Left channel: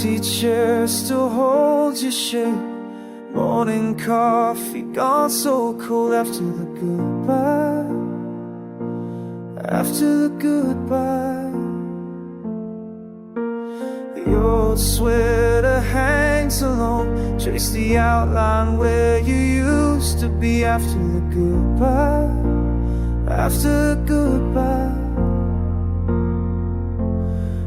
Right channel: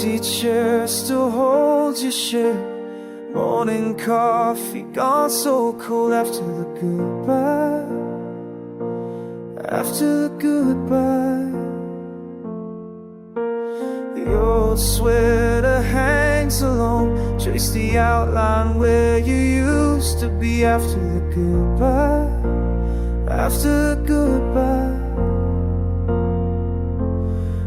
empty chair still holds your shape. Morning coffee gone so cold after the goodbye. After the goodbye, the old sweater hangs alone. Trace the outline where you used to be. After the goodbye, after the goodbye,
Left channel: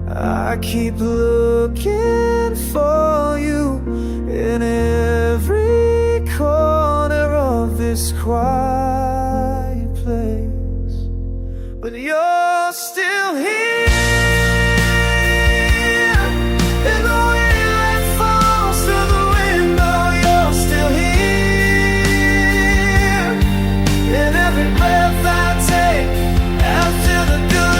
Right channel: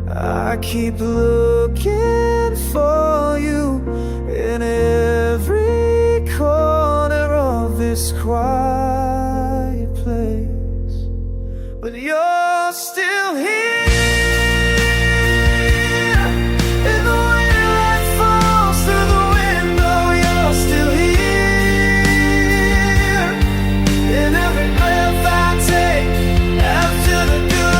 I keep looking for you in every corner of this quiet place, but you're still here. In the wind that falls through the window, you're still here. In every breath I take after the goodbye.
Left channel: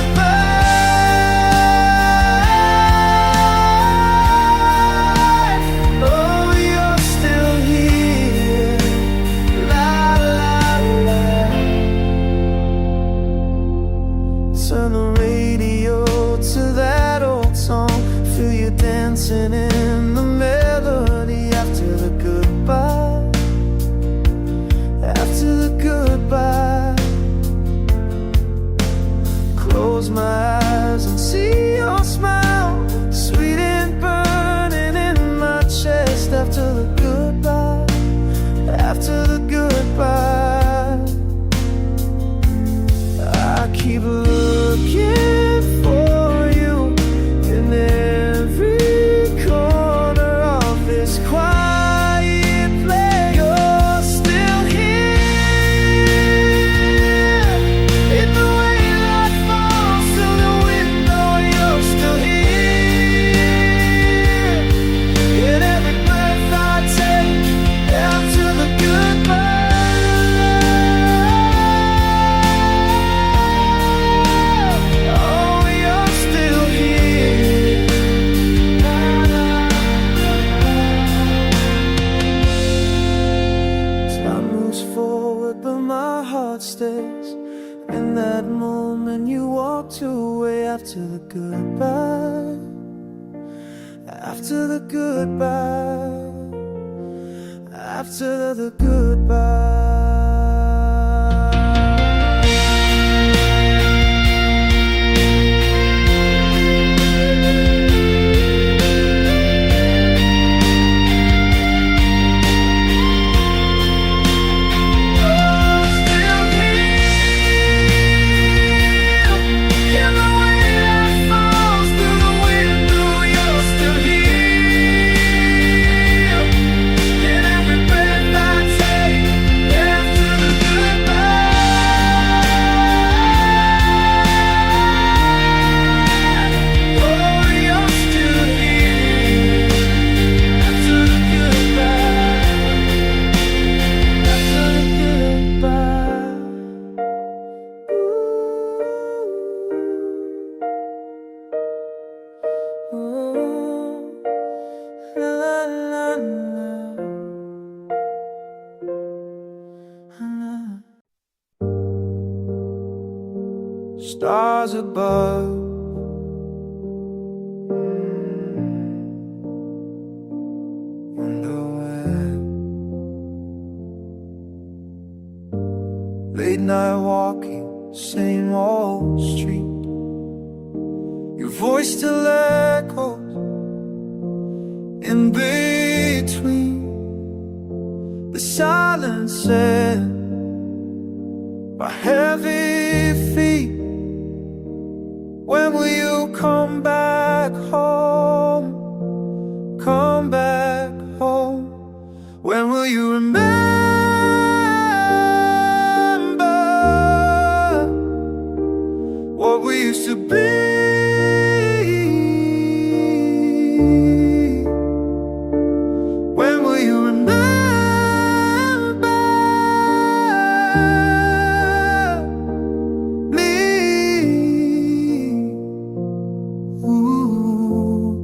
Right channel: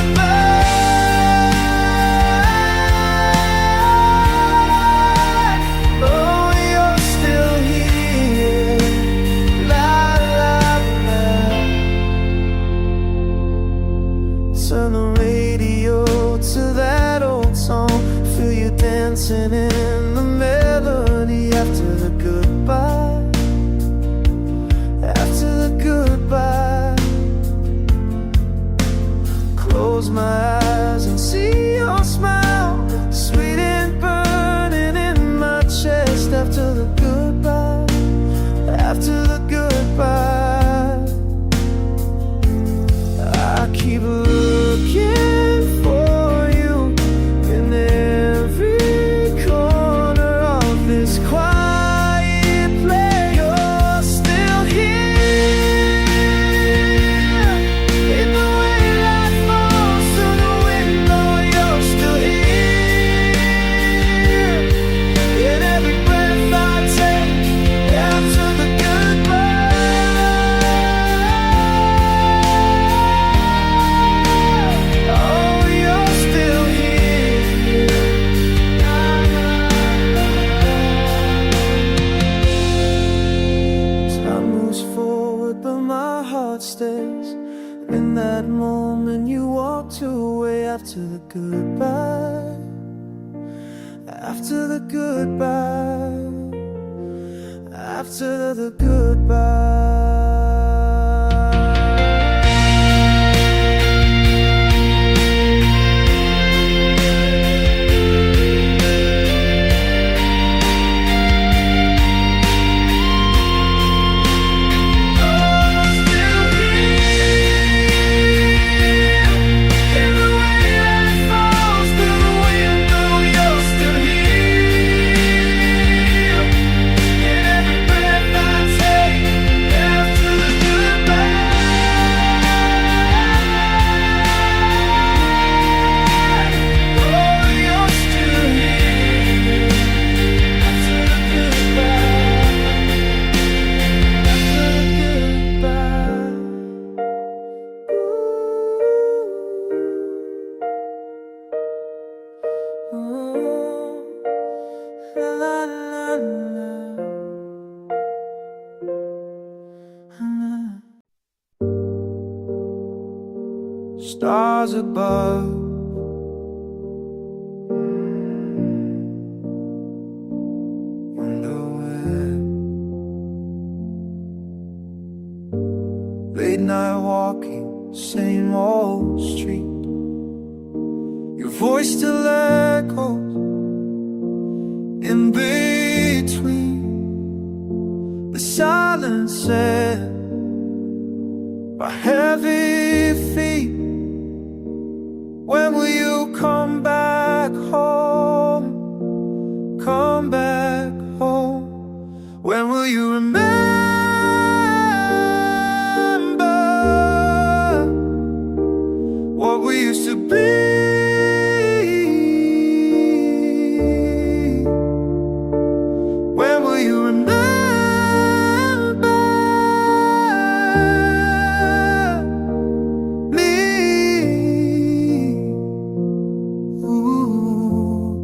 Turn the radio to that old song. Feel you dancing in the melody. After the goodbye, after the goodbye, close my eyes and see your smile, sweet and burning in my chest. After the goodbye, after the goodbye, I keep looking for you in every corner of this quiet place. You're still here. In the rain that falls through the window, you're still here. In every breath I take after the goodbye. Moves forward, but my heart stays. In that moment you walked away. After the goodbye, after the goodbye, after the goodbye. Stars above, wonder where. Late night walking, same old street. Your voice still echoes in between the silence said by heavy feet. When will you come back home? Come back home. When will you remember what we used to be? When will you remember me? Ooh.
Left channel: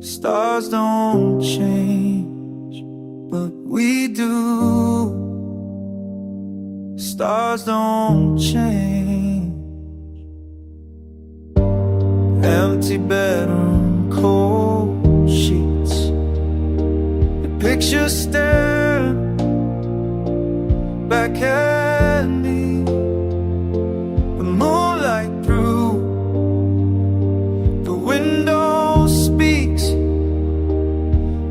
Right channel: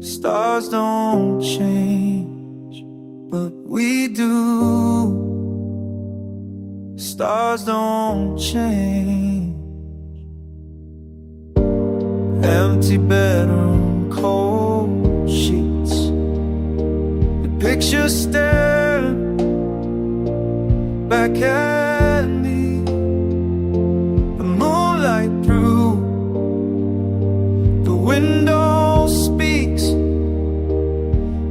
Stars don't change, but we do. Stars don't change. Empty bedroom, cold Picture staring back at me, the moonlight through the window speaks.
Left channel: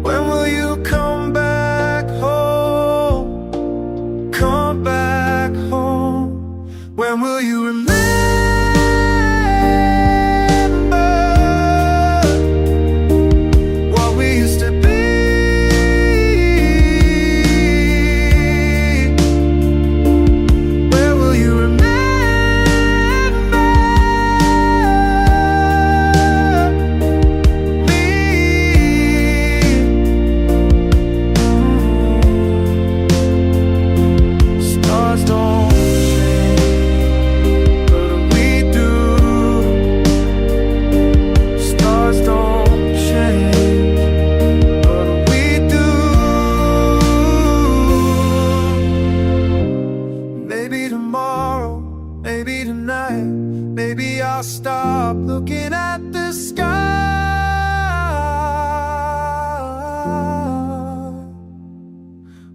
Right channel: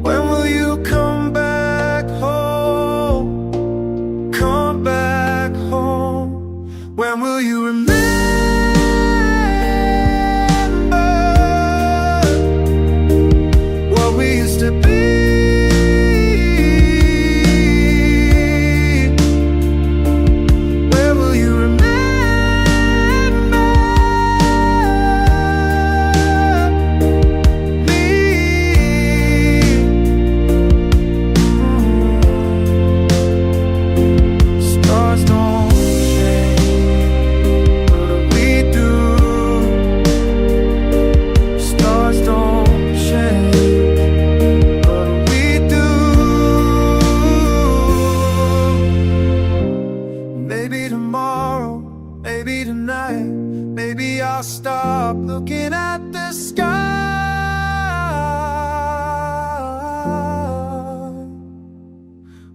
When will you come back home? Come back home. When will you remember what we used to be? Where will you remember me? Stars don't change, but we do. Stars don't change, but we do. Maybe tomorrow, maybe tonight, maybe I'll stop looking at the sky.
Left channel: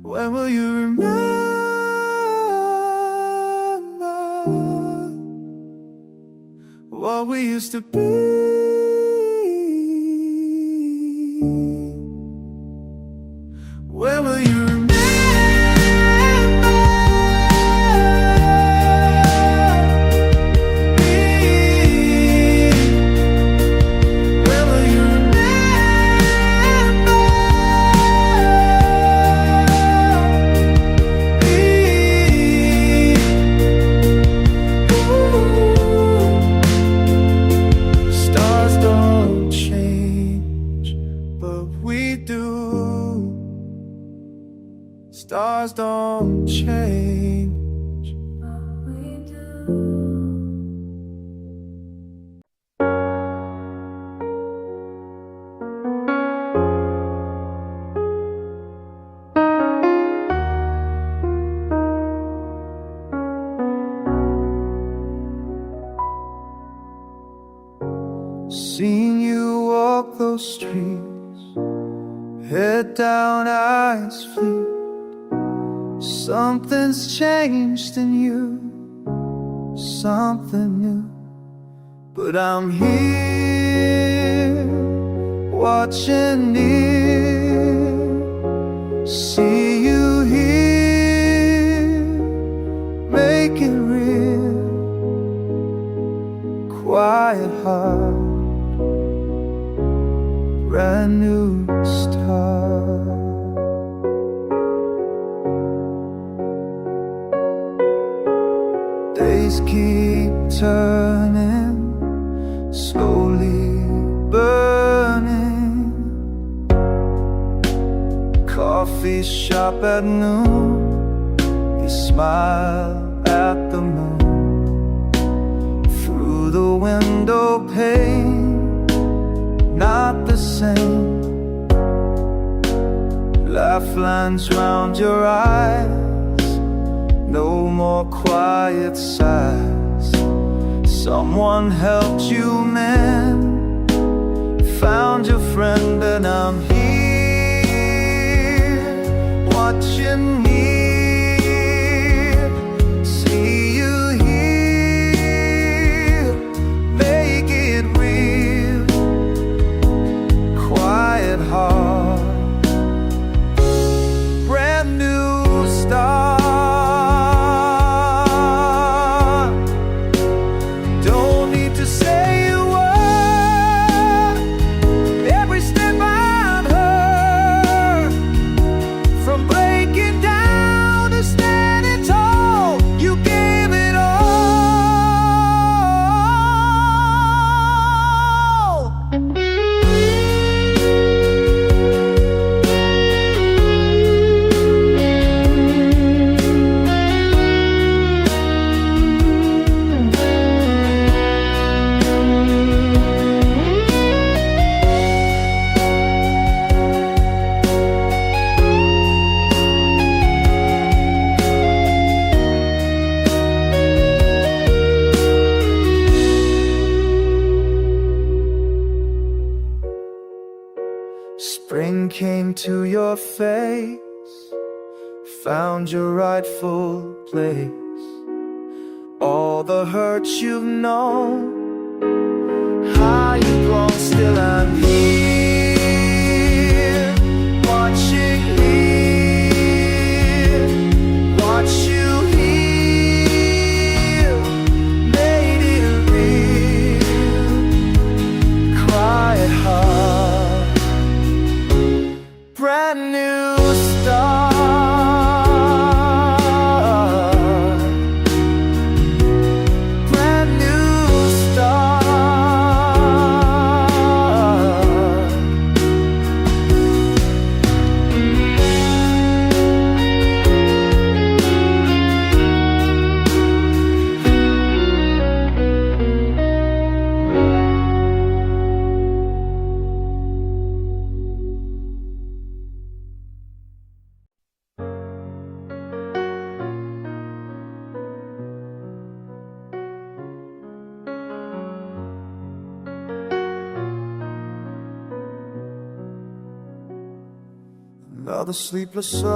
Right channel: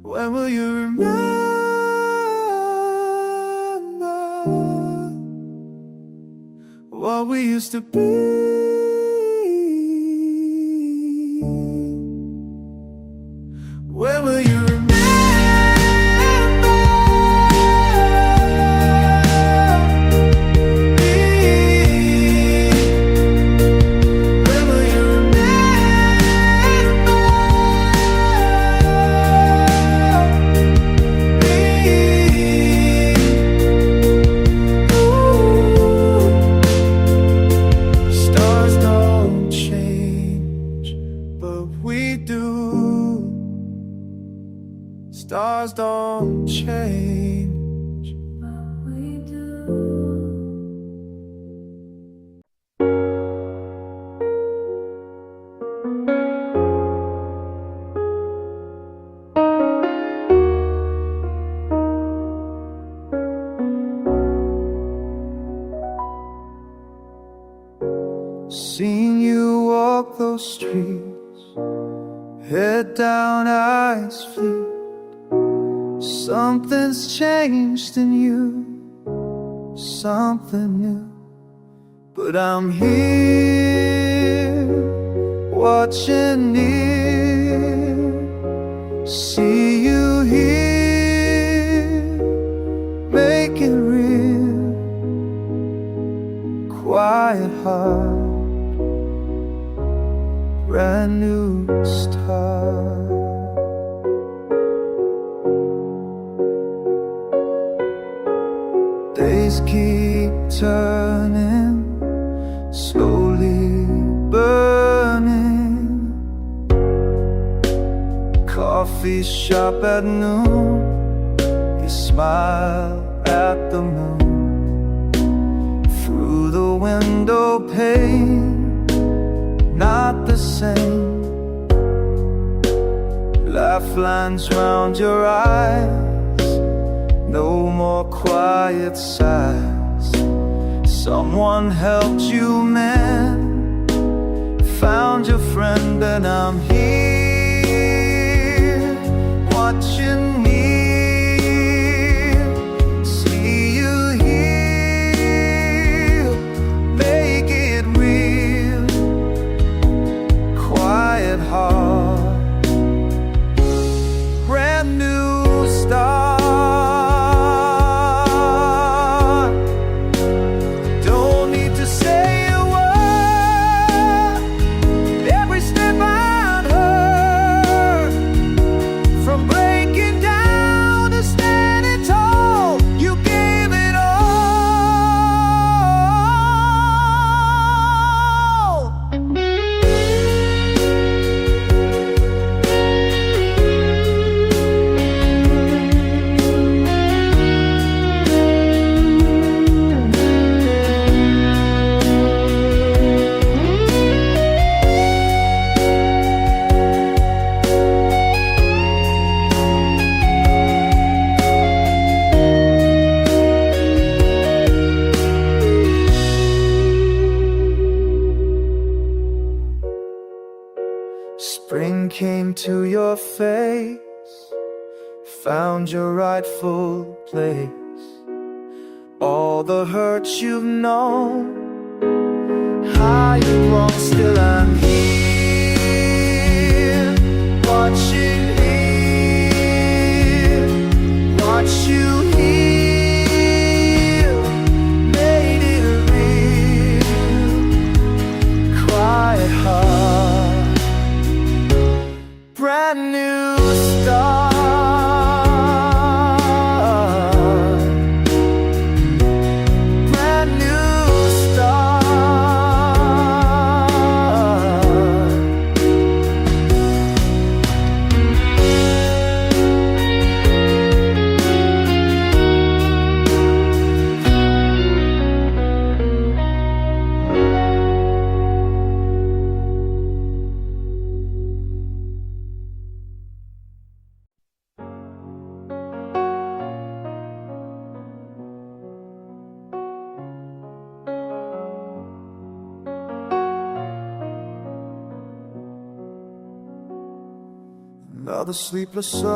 When will you remember what we used to be? When will you remember me? When will you remember me? Ooh. Stars don't change, but we do. Stars don't change, but we do. Seeing you walk those streets, head down, eyes fleet. Something's changed in you, something new. But I'm here, watching near. See you here, make it real. Quiet heart, brand new start. Days keep turning, slowly burning. Coffee shop at noon, you smile at the moon. Through the window pane, not the same. Laugh lines round your eyes, no more quiet sighs. Someone helped you mend, found your friend, and I'm here, watching near. See you here, make it real. Quiet heart, brand new start. Spring came to your face, found your rightful place. All the hurt you've known, how you've grown, still I'm here, watching here, watch you heal, made it real, quiet heart, brand new start. Another sleepless summer's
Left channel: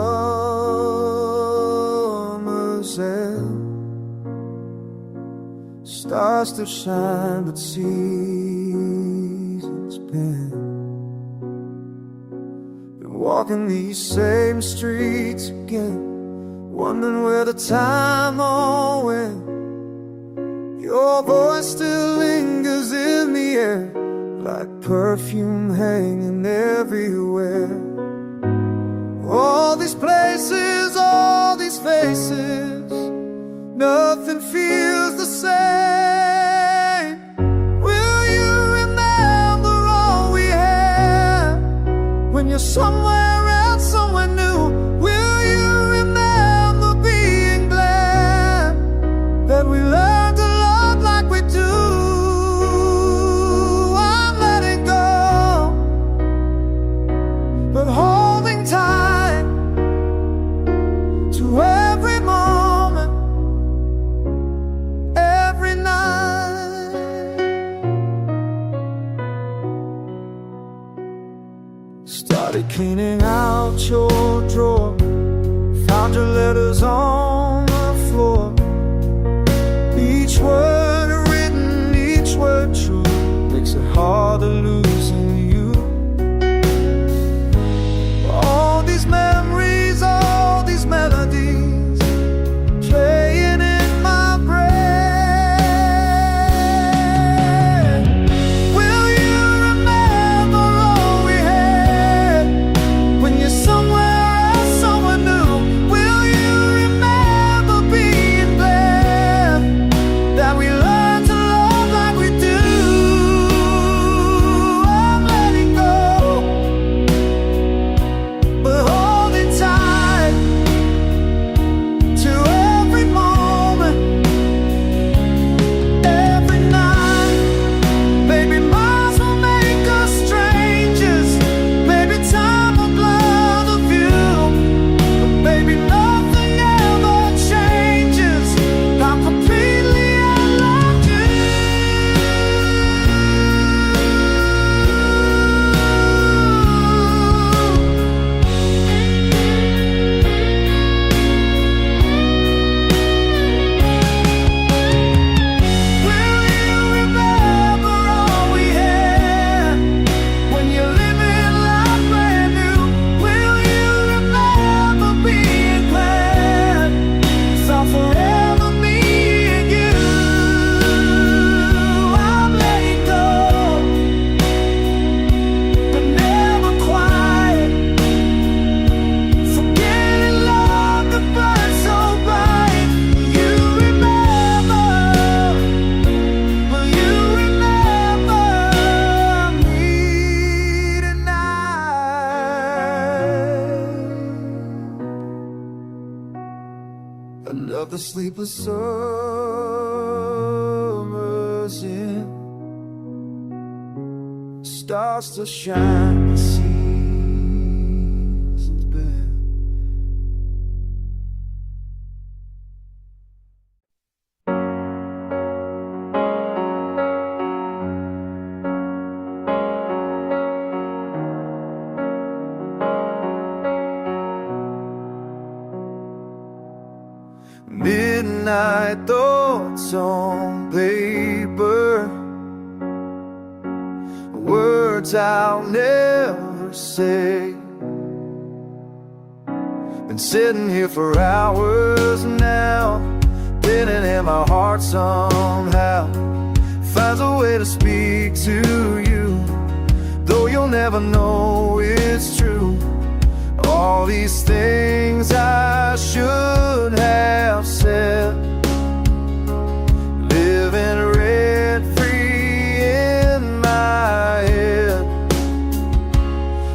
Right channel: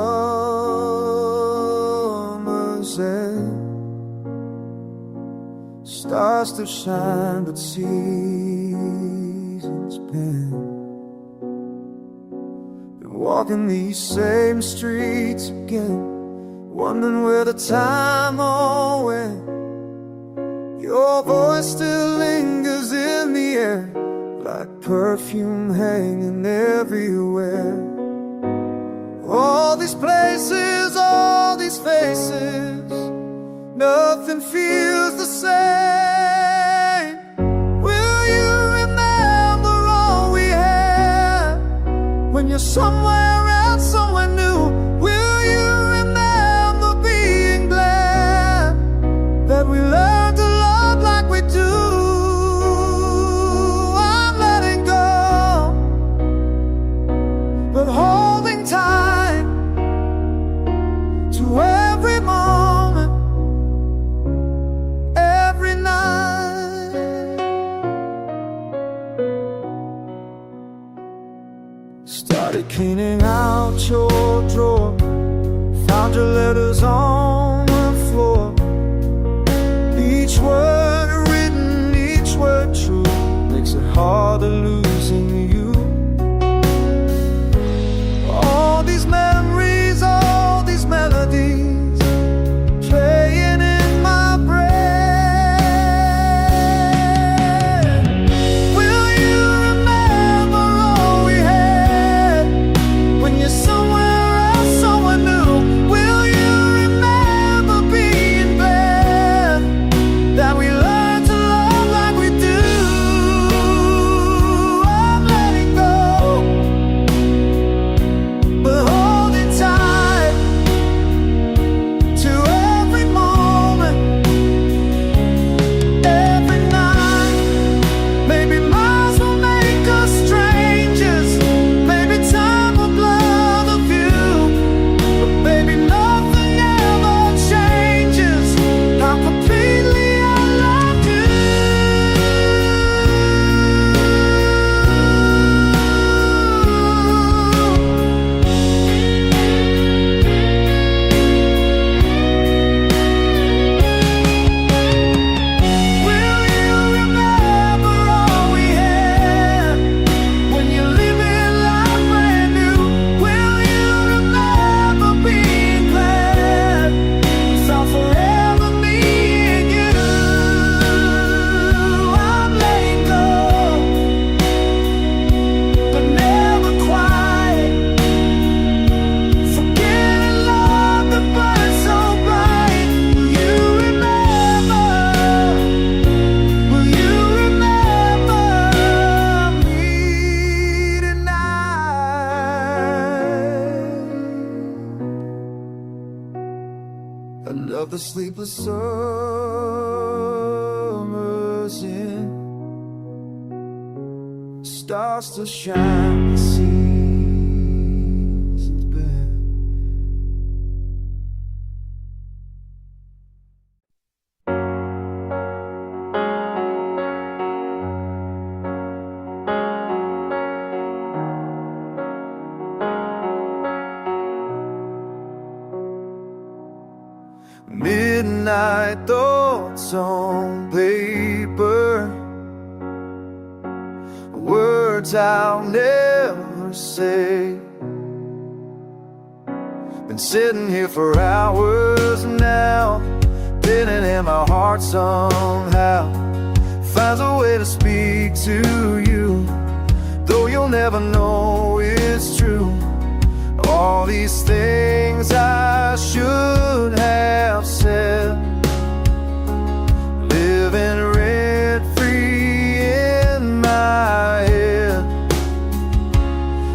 end. Stars still shine, but seasons bend. Been walking these same streets again, wondering where the time all went. Your voice still lingers in the air, like perfume hanging everywhere. All these places, all these faces, nothing feels the same. Will you remember all we had when you're somewhere else, somewhere new? Will you remember being glad that we learned to love like we do? I'm letting go, but holding tight to every moment, every night. Started cleaning out your drawer, found your letters on the floor. Each word written, each word true, makes it harder losing you. All these memories, all these melodies, playing in my brain. Will you remember all we had when you're somewhere else, somewhere new? Will you remember being glad that we learned to love like we do? I'm letting go, but holding tight to every moment, every night. Maybe miles will make us strangers, maybe time will blur the view, but baby, nothing ever changes how completely I loved you. Will you remember all we had when you're living life brand new? Will you remember being glad it's all forever me and you? I'm letting go, but never quiet. Forgetting love that burns so bright. Will you remember? Will you remember me tonight? Another sleepless summer's in. Stars still shine, seasons bend. Midnight thoughts on paper, words I'll never say. Been sitting here for hours now, pinning in my heart somehow. Finds a way to speak to you, though you'll never know it's true. All these things I should have said, living rent-free in my head.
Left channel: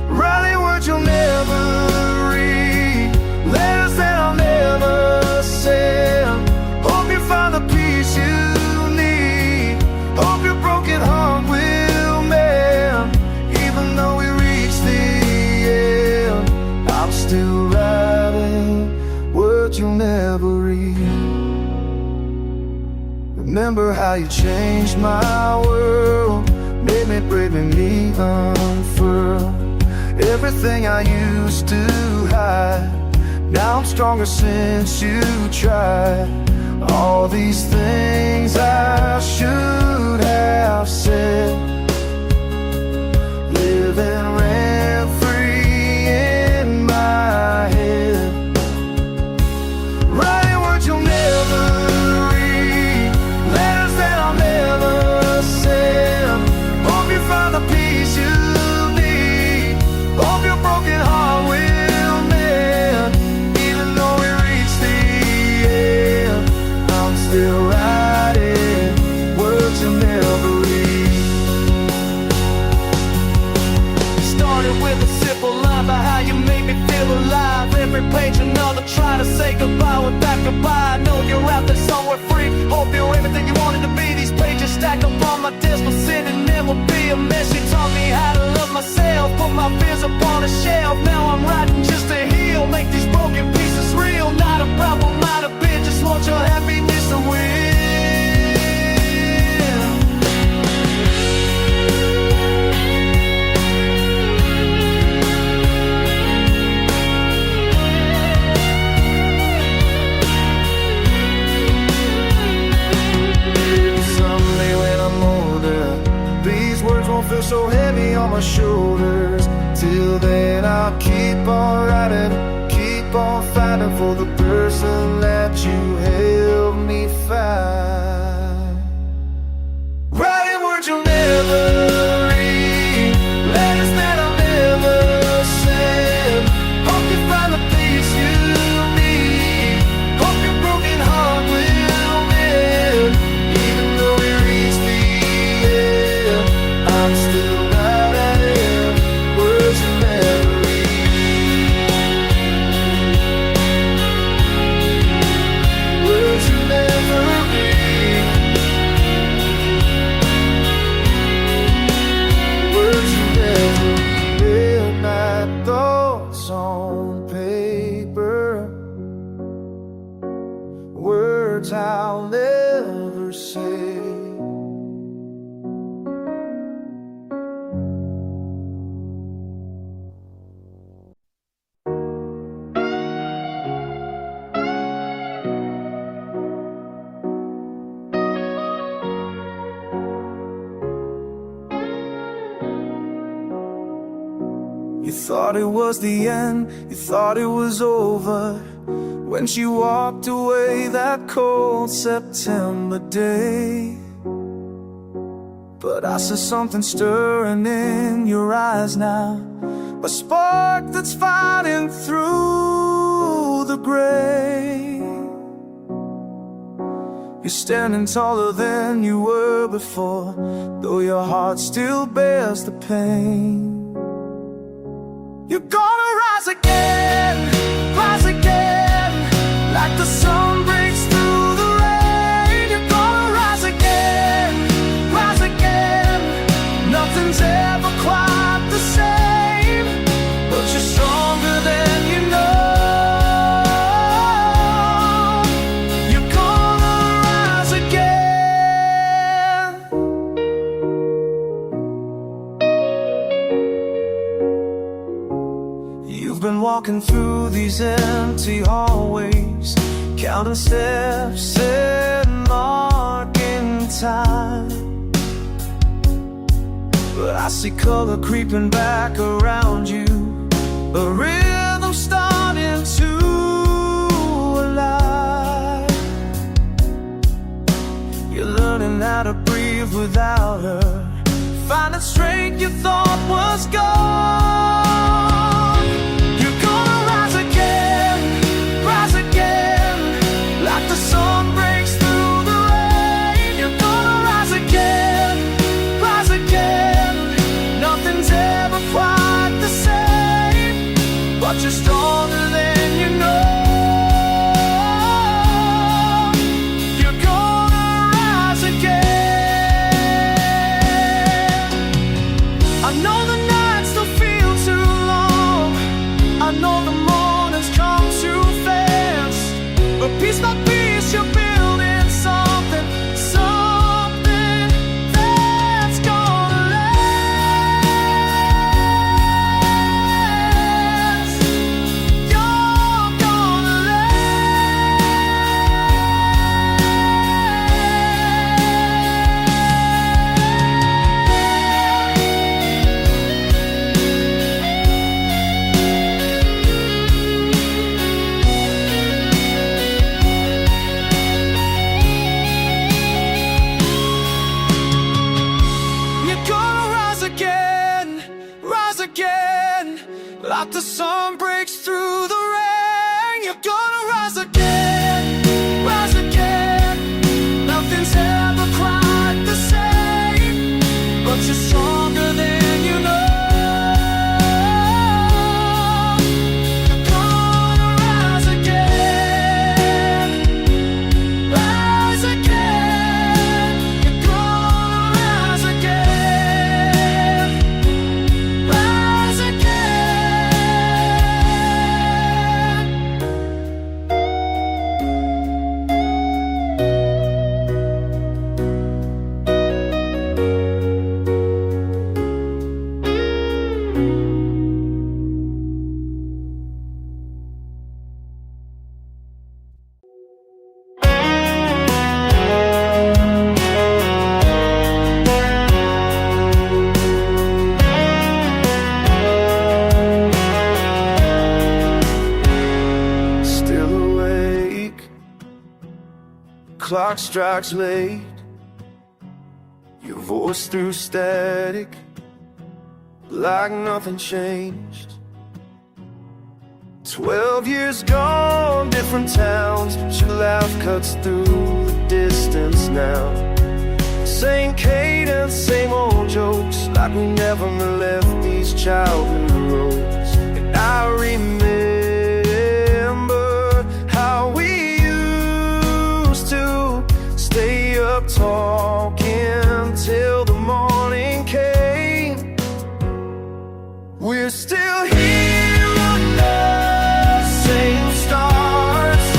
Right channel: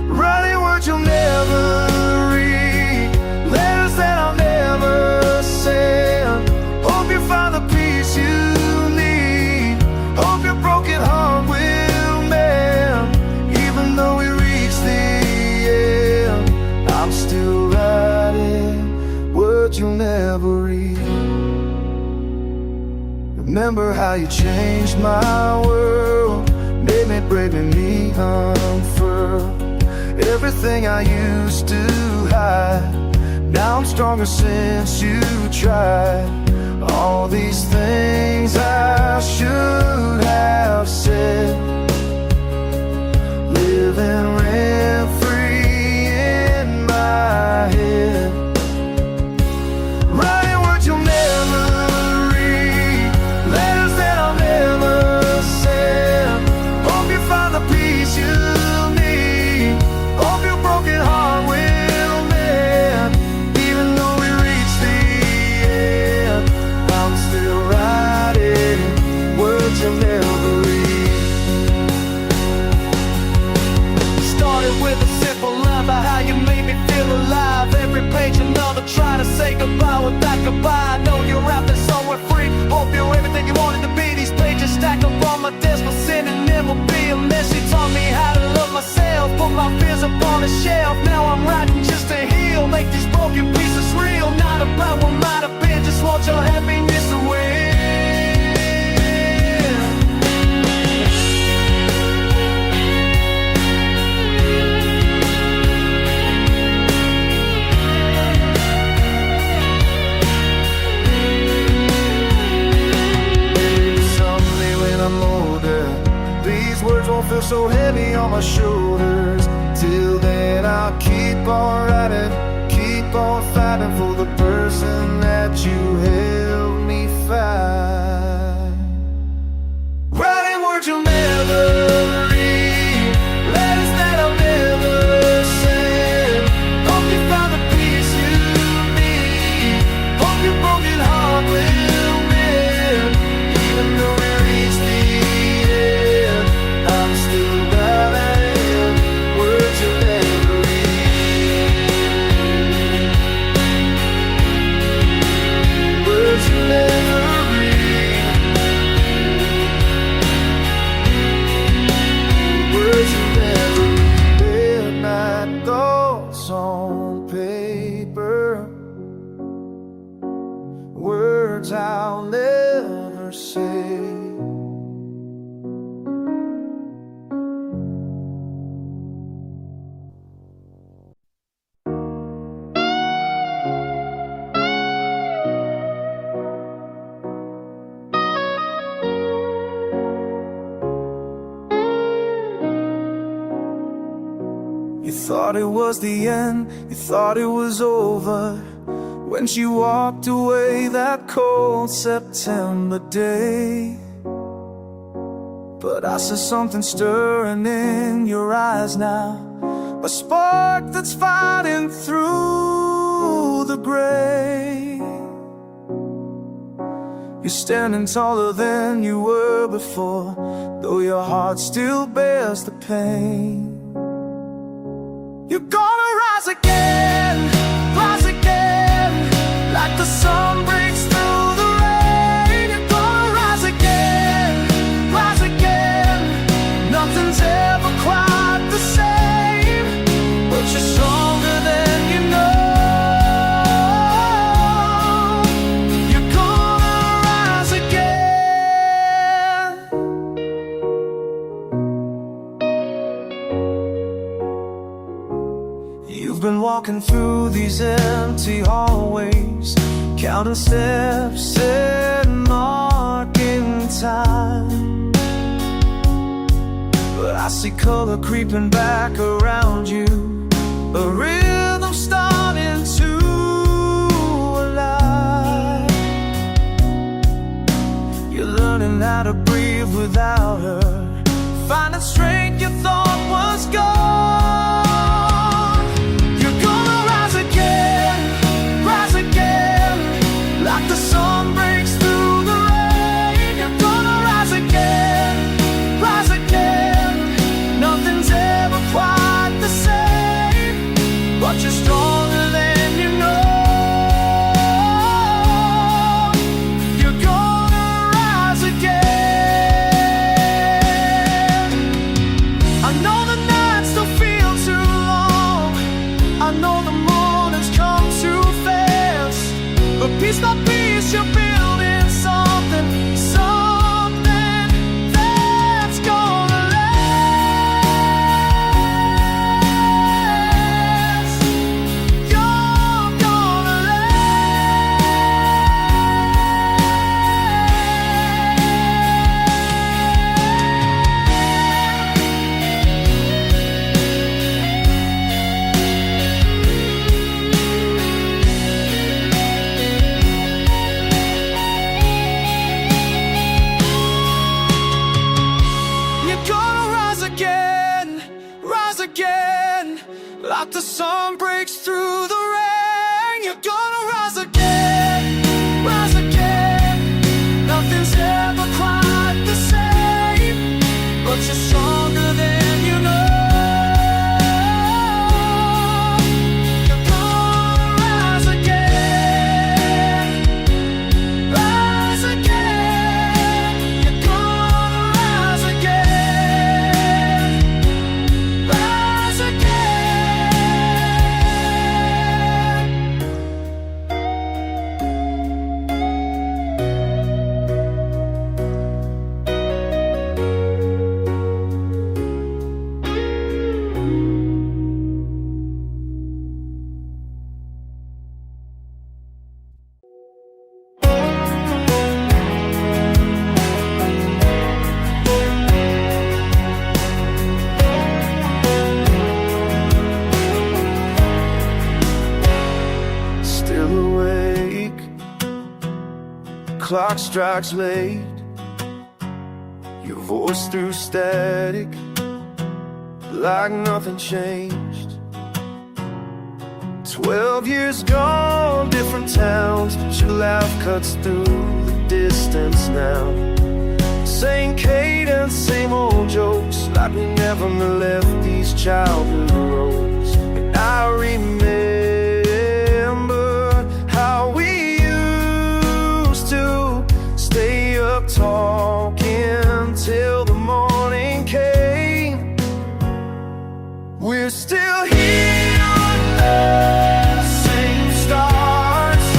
Writing words you'll never read, letters that I'll never send. Hope you find the peace you need, hope your broken heart will mend. Even though we reach the end, I'm still writing words you'll never read. Remember how you changed my world, made me break me unfurl. Everything I used to hide, now I'm stronger since you tried. All these things I should have said, living rent-free in my head. Writing words you'll never read, letters that I'll never send. Hope you find the peace you need, hope your broken heart will mend. Even though we reach the end, I'm still writing words you'll never read. Started with a simple line about how you made me feel alive. Every page another try to say goodbye without goodbye. I know you're out there somewhere free, hope you're everything you wanted to be. These pages stack up on my desk, but sending them will be a mess. You taught me how to love myself, put my fears up on a shelf. Now I'm writing just to heal, make these broken pieces real. Not about what might have been, just want your happiness to win. I'm older, these words won't feel so heavy on my shoulders. Till then I'll keep on writing, keep on fighting for the person that you helped me find. Writing words you'll never read, letters that I'll never send. Hope you find the peace you need, hope your broken heart will mend. Even though we reach the end, I'm still writing words you'll never read, words you'll never read, words you'll never read. Midnight thoughts on paper, words I'll never say. You thought it was the end, you thought it was over, when she walked away that cold September day. But I saw something stirring in your eyes now, a spark that's fighting through the gray. You're standing taller than you were before, though your heart still bears the pain. You're gonna rise again, like the sun breaks through the rain. You're gonna rise again, nothing's ever quite the same, but you're stronger than you know. You're gonna rise again. You've been walking through these empty hallways, counting steps and marking time. But I see color creeping back around you, a rhythm starting to align. You're learning how to breathe without her, finding strength you thought was gone. You're gonna rise again, like the sun breaks through the rain. You're gonna rise again, nothing's ever quite the same, but you're stronger than you know. You're gonna rise again. I know the nights still feel too long, I know the mornings come too fast, but piece by piece you're building something, something that's gonna last. You're gonna again, like the sun breaks through the rain. You're gonna rise again, nothing's ever quite the same, but you're stronger than you know. You're gonna rise again, you're gonna rise again. Still awake, clock strikes late, your voice through static, like nothing changed. 12 years gone, different towns, but your laugh cuts through the distance now. Same cadence, same old jokes, like we never left these childhood roads. And I remember how we used to stay up talking till the morning came. We're still here on the same stars.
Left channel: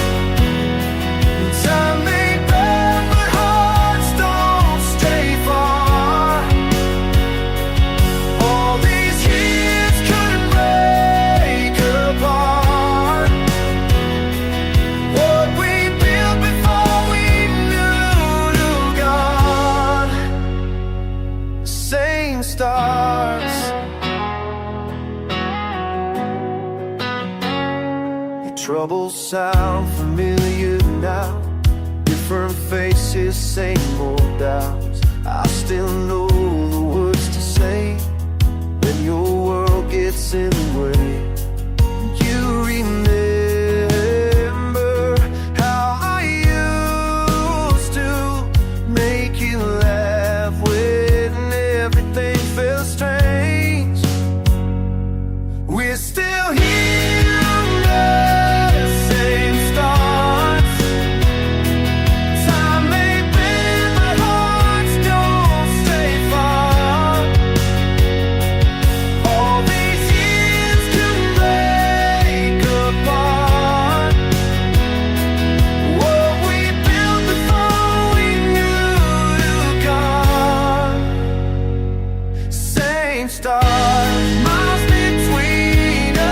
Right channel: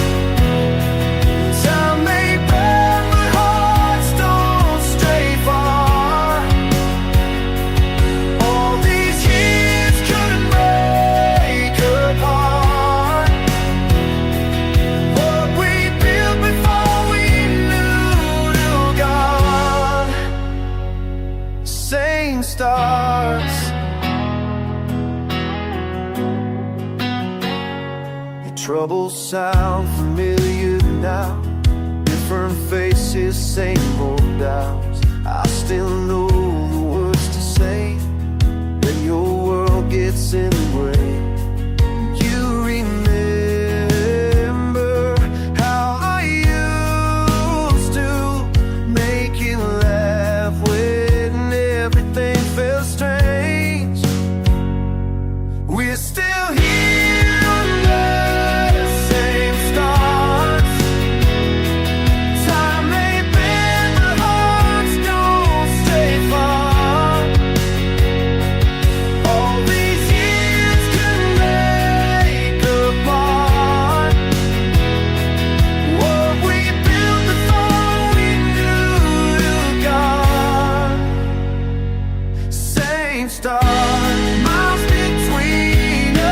Time may bend, but hearts don't stray far. All these years couldn't break apart what we built before we knew God. Same stars. Your troubles sound familiar now. Different faces, same old doubts. I still know the words to say when your world gets in the way. You remember how I used to make you laugh when everything felt strange. We're still here under the same stars. Time may bend, but hearts don't stay far. All these years couldn't break apart what we built before we knew God. Same stars, miles between us.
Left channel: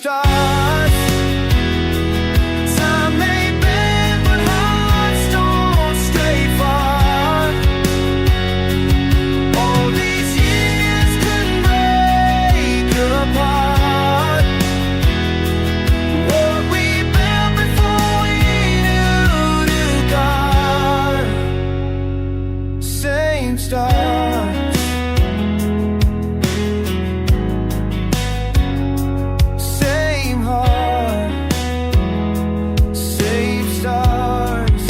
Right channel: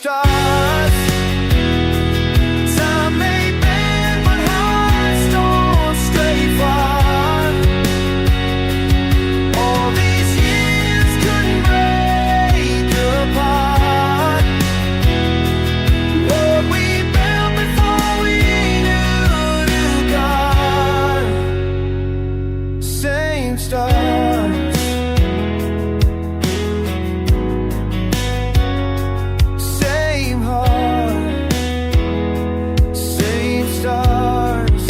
stars. Time may bend, but hearts don't stray far. All these years couldn't break apart what we built before we knew God. Same stars, same heart, same stars,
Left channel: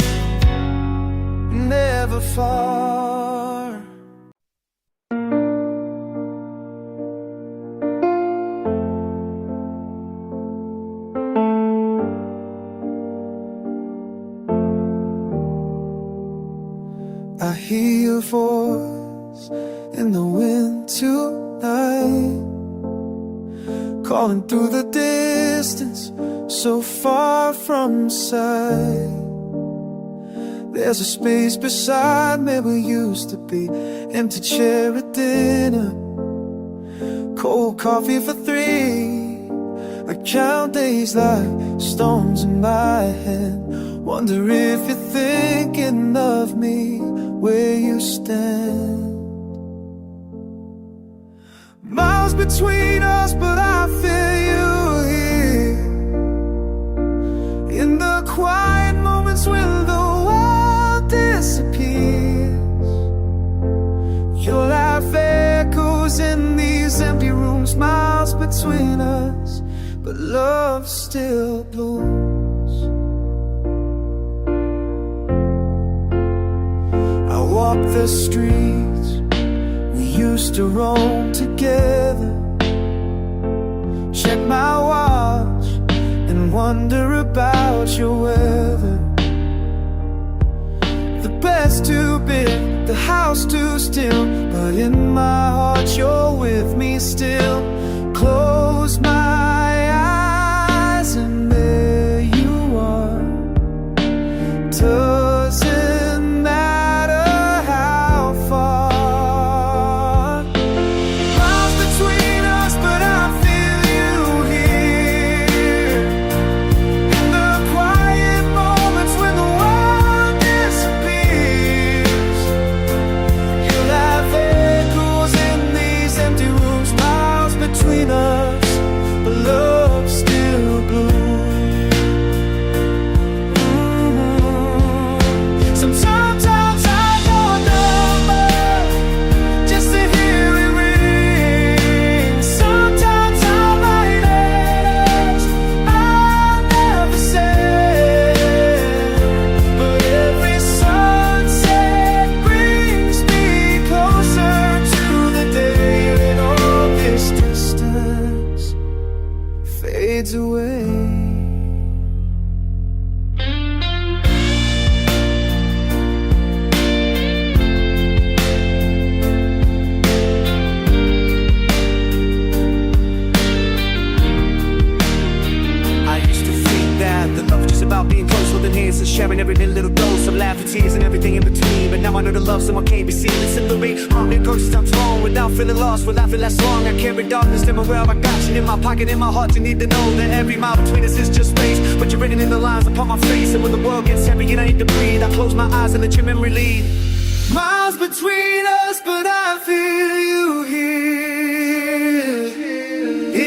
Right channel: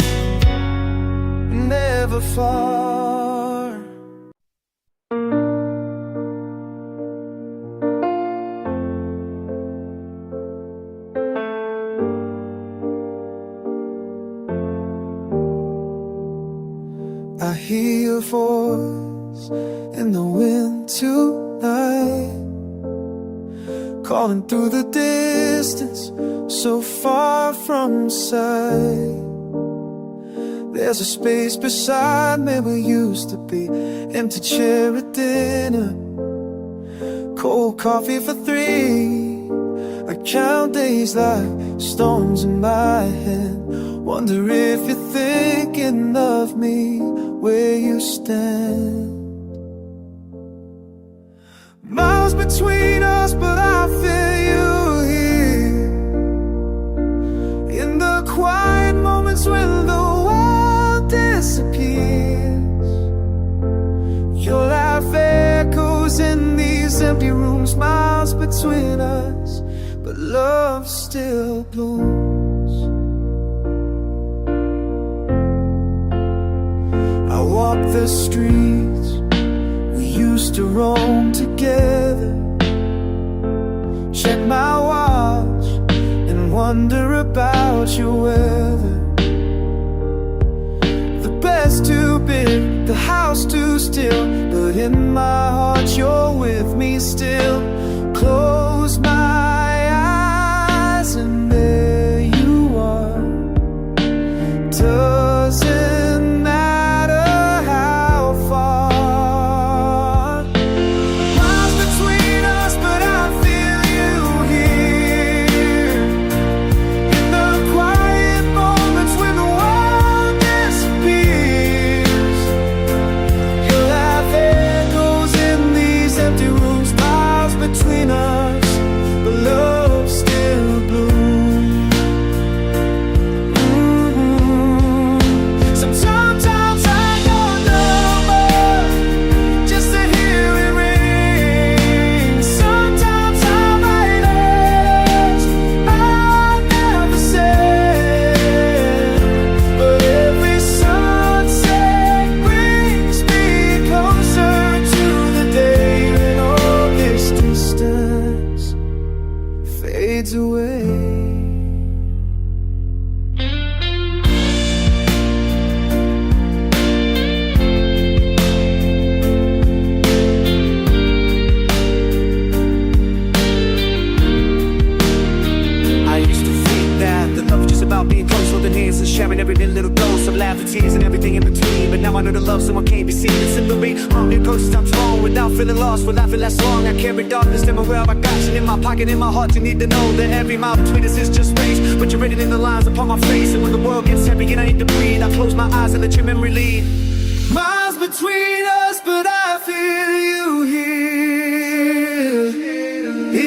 never far. I hear your voice in the wind tonight, calling through the distance, so far from sight. There's a space beside me where used to be, empty chair at dinner, cold coffee for 3. I count days like storms in my hand, wonder if you're thinking of me where you stand. Miles between us, but I feel you here. In the quiet moments when the world disappears, your laugh echoes in these empty rooms. Miles between us, but love still blooms. I walk the streets we used to roam together, check my watch and wonder about your weather. The bed's too big, the house too still, but in my heart you're with me still. Close my eyes and there you are. Doesn't matter how far. Miles between us, but I feel you here. In the quiet moments when the world disappears, your laugh echoes in these empty rooms. Miles between us, but love still blooms. Sometimes I go a number just to hear it ring. Sometimes I write letters I'll never say, but every sunset brings me closer to the day when all this distance fades away. The love is just about being close, holding hands and sharing every little dose of laughter, tears, and everything in between. But now I know the love someone can't be seen. It's in the rain, harmony approaches times wrong. Without feeling lost, will I feel less long? I carry darkness, tell me where I got you. In my pocket, in my heart, you need to know that every mile between us is just space. But you're written in the lines upon my face. And when the world gets heavy and I need to breathe, I close my eyes and let your memory lead. Miles between us, but I feel you here.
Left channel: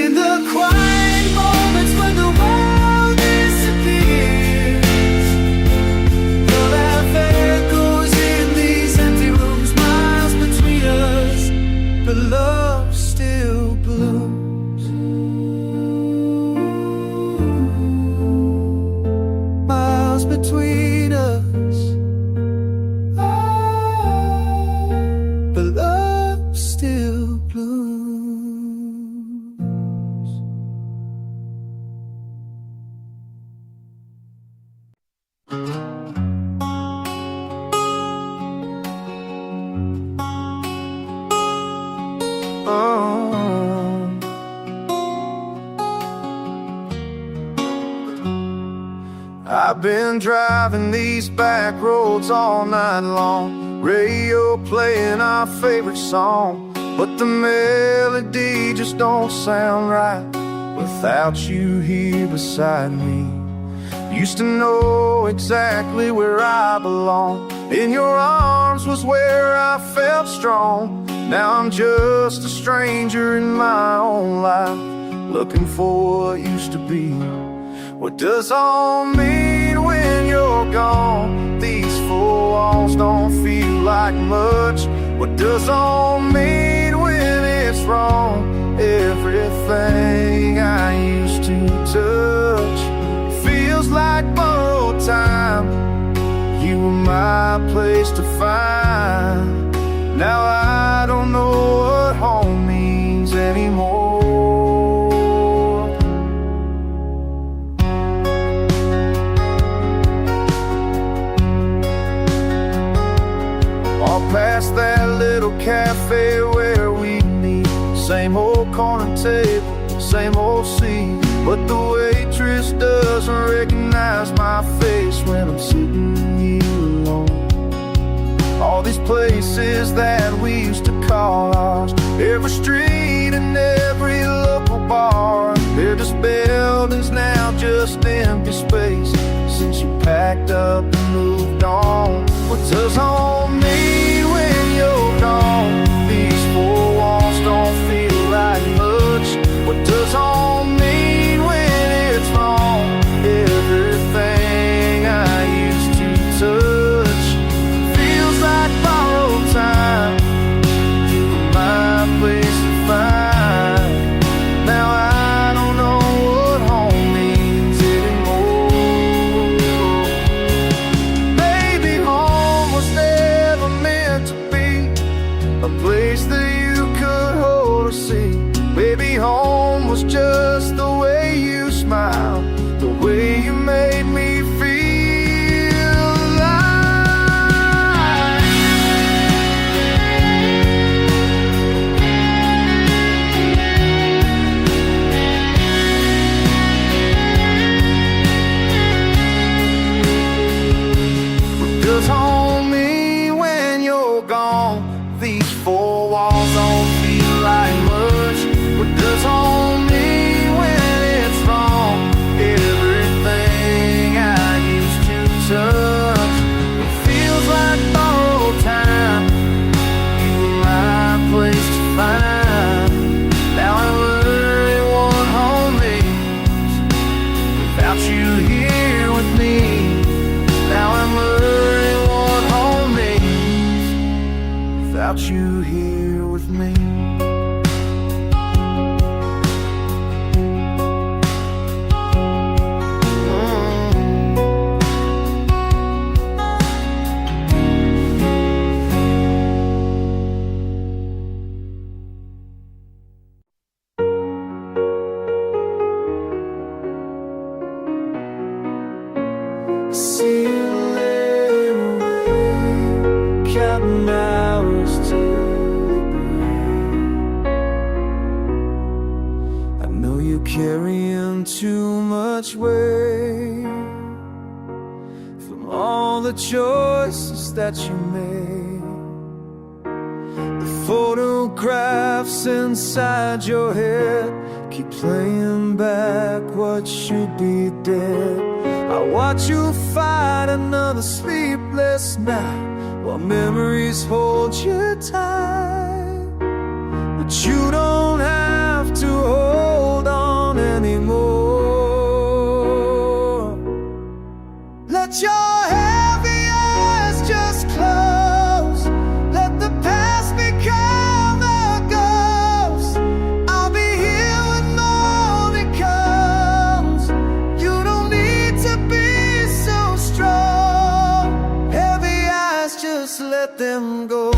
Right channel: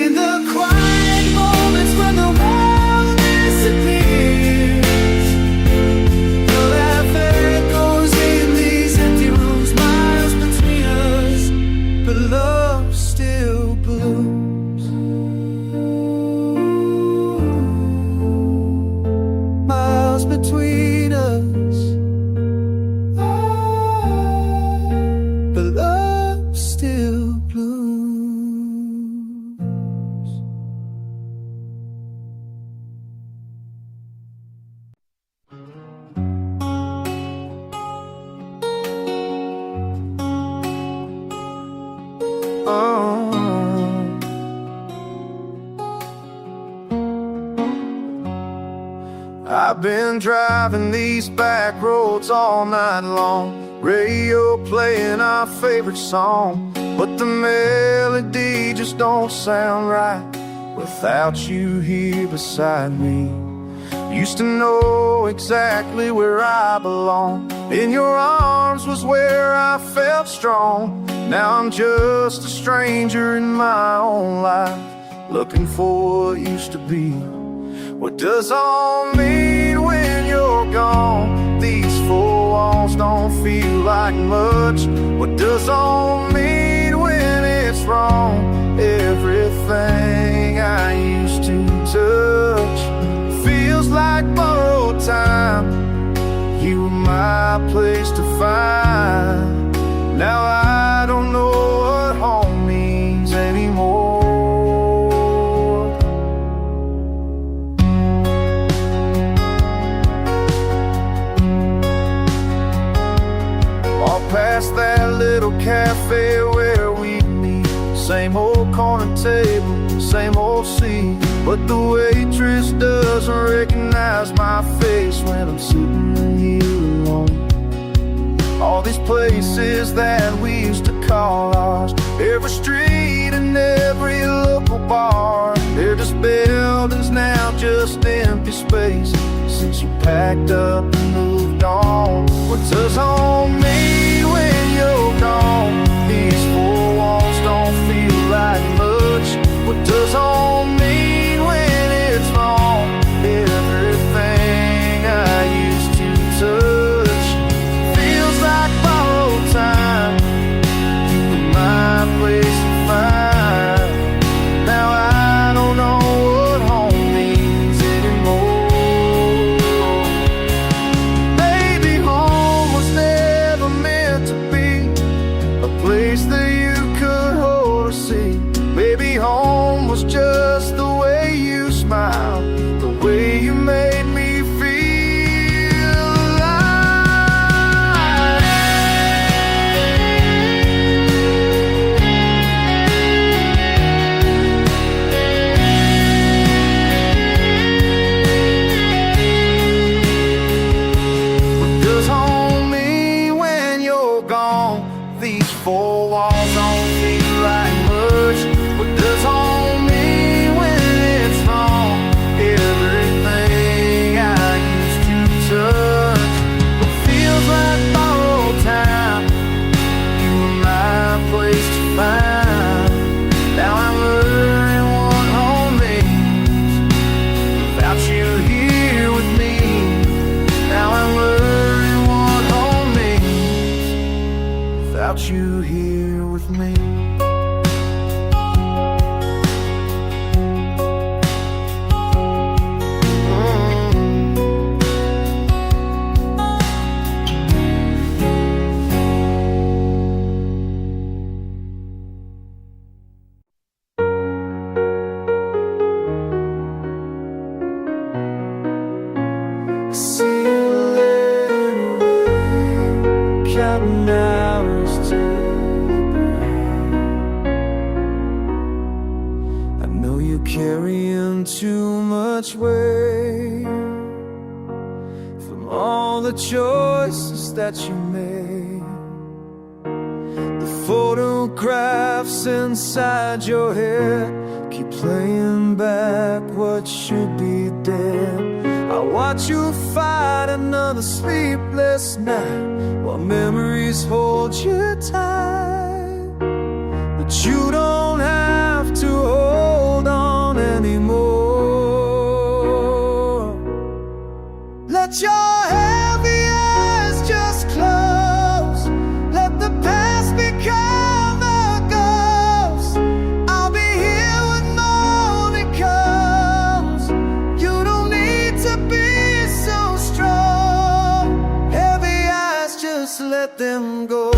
In the quiet moments when the world disappears, your laugh echoes in these empty rooms. Miles between us, but love still blooms. Miles between us, but love still blooms. I've been driving these back roads all night long, radio playing our favorite song, but the melody just don't sound right. without you here beside me. Used to know exactly where I belong. In your arms was where I felt strong. Now I'm just a stranger in my own life, looking for what used to be. What does all mean when you're gone? These four walls don't feel like much. What does all mean when it's wrong? Everything I used to touch feels like borrowed time. You were my place to find. Now I don't know what home means anymore. Walk past that little cafe where we meet. Same old corner table, same old seat, but the waitress doesn't recognize my face when I'm sitting here alone. All these places that we used to call ours, every street and every local bar, they're just buildings now, just empty space, since you packed up and moved on. What does home mean when you're gone? These four walls don't feel like much. What does home mean when it's wrong? Everything I used to touch feels like borrowed time. You were my place to find. Now I don't know what home means anymore. Maybe home was never meant to be a place that you could hold or see. Maybe home was just the way you smiled, the way you made me feel alive. What does home mean when you're gone? These four walls don't feel like much. What does home mean when it's wrong? Everything I used to touch, it feels like borrowed time. You were my place to find. Now I'm learning what home means without you here with me. Now I'm learning what home means without you here with me. See you later, counting hours till the break. I know you're carrying too much weight from all the choices that you made. The photographs inside your head keep playing back what should be dead. I watch you fight another sleepless night while memories hold you tight. But you don't have to hold on anymore. Let your heavy eyes just close. Let the past become a ghost. I'll be here when morning comes. You don't need to be so strong. Heavy eyes, just let them go.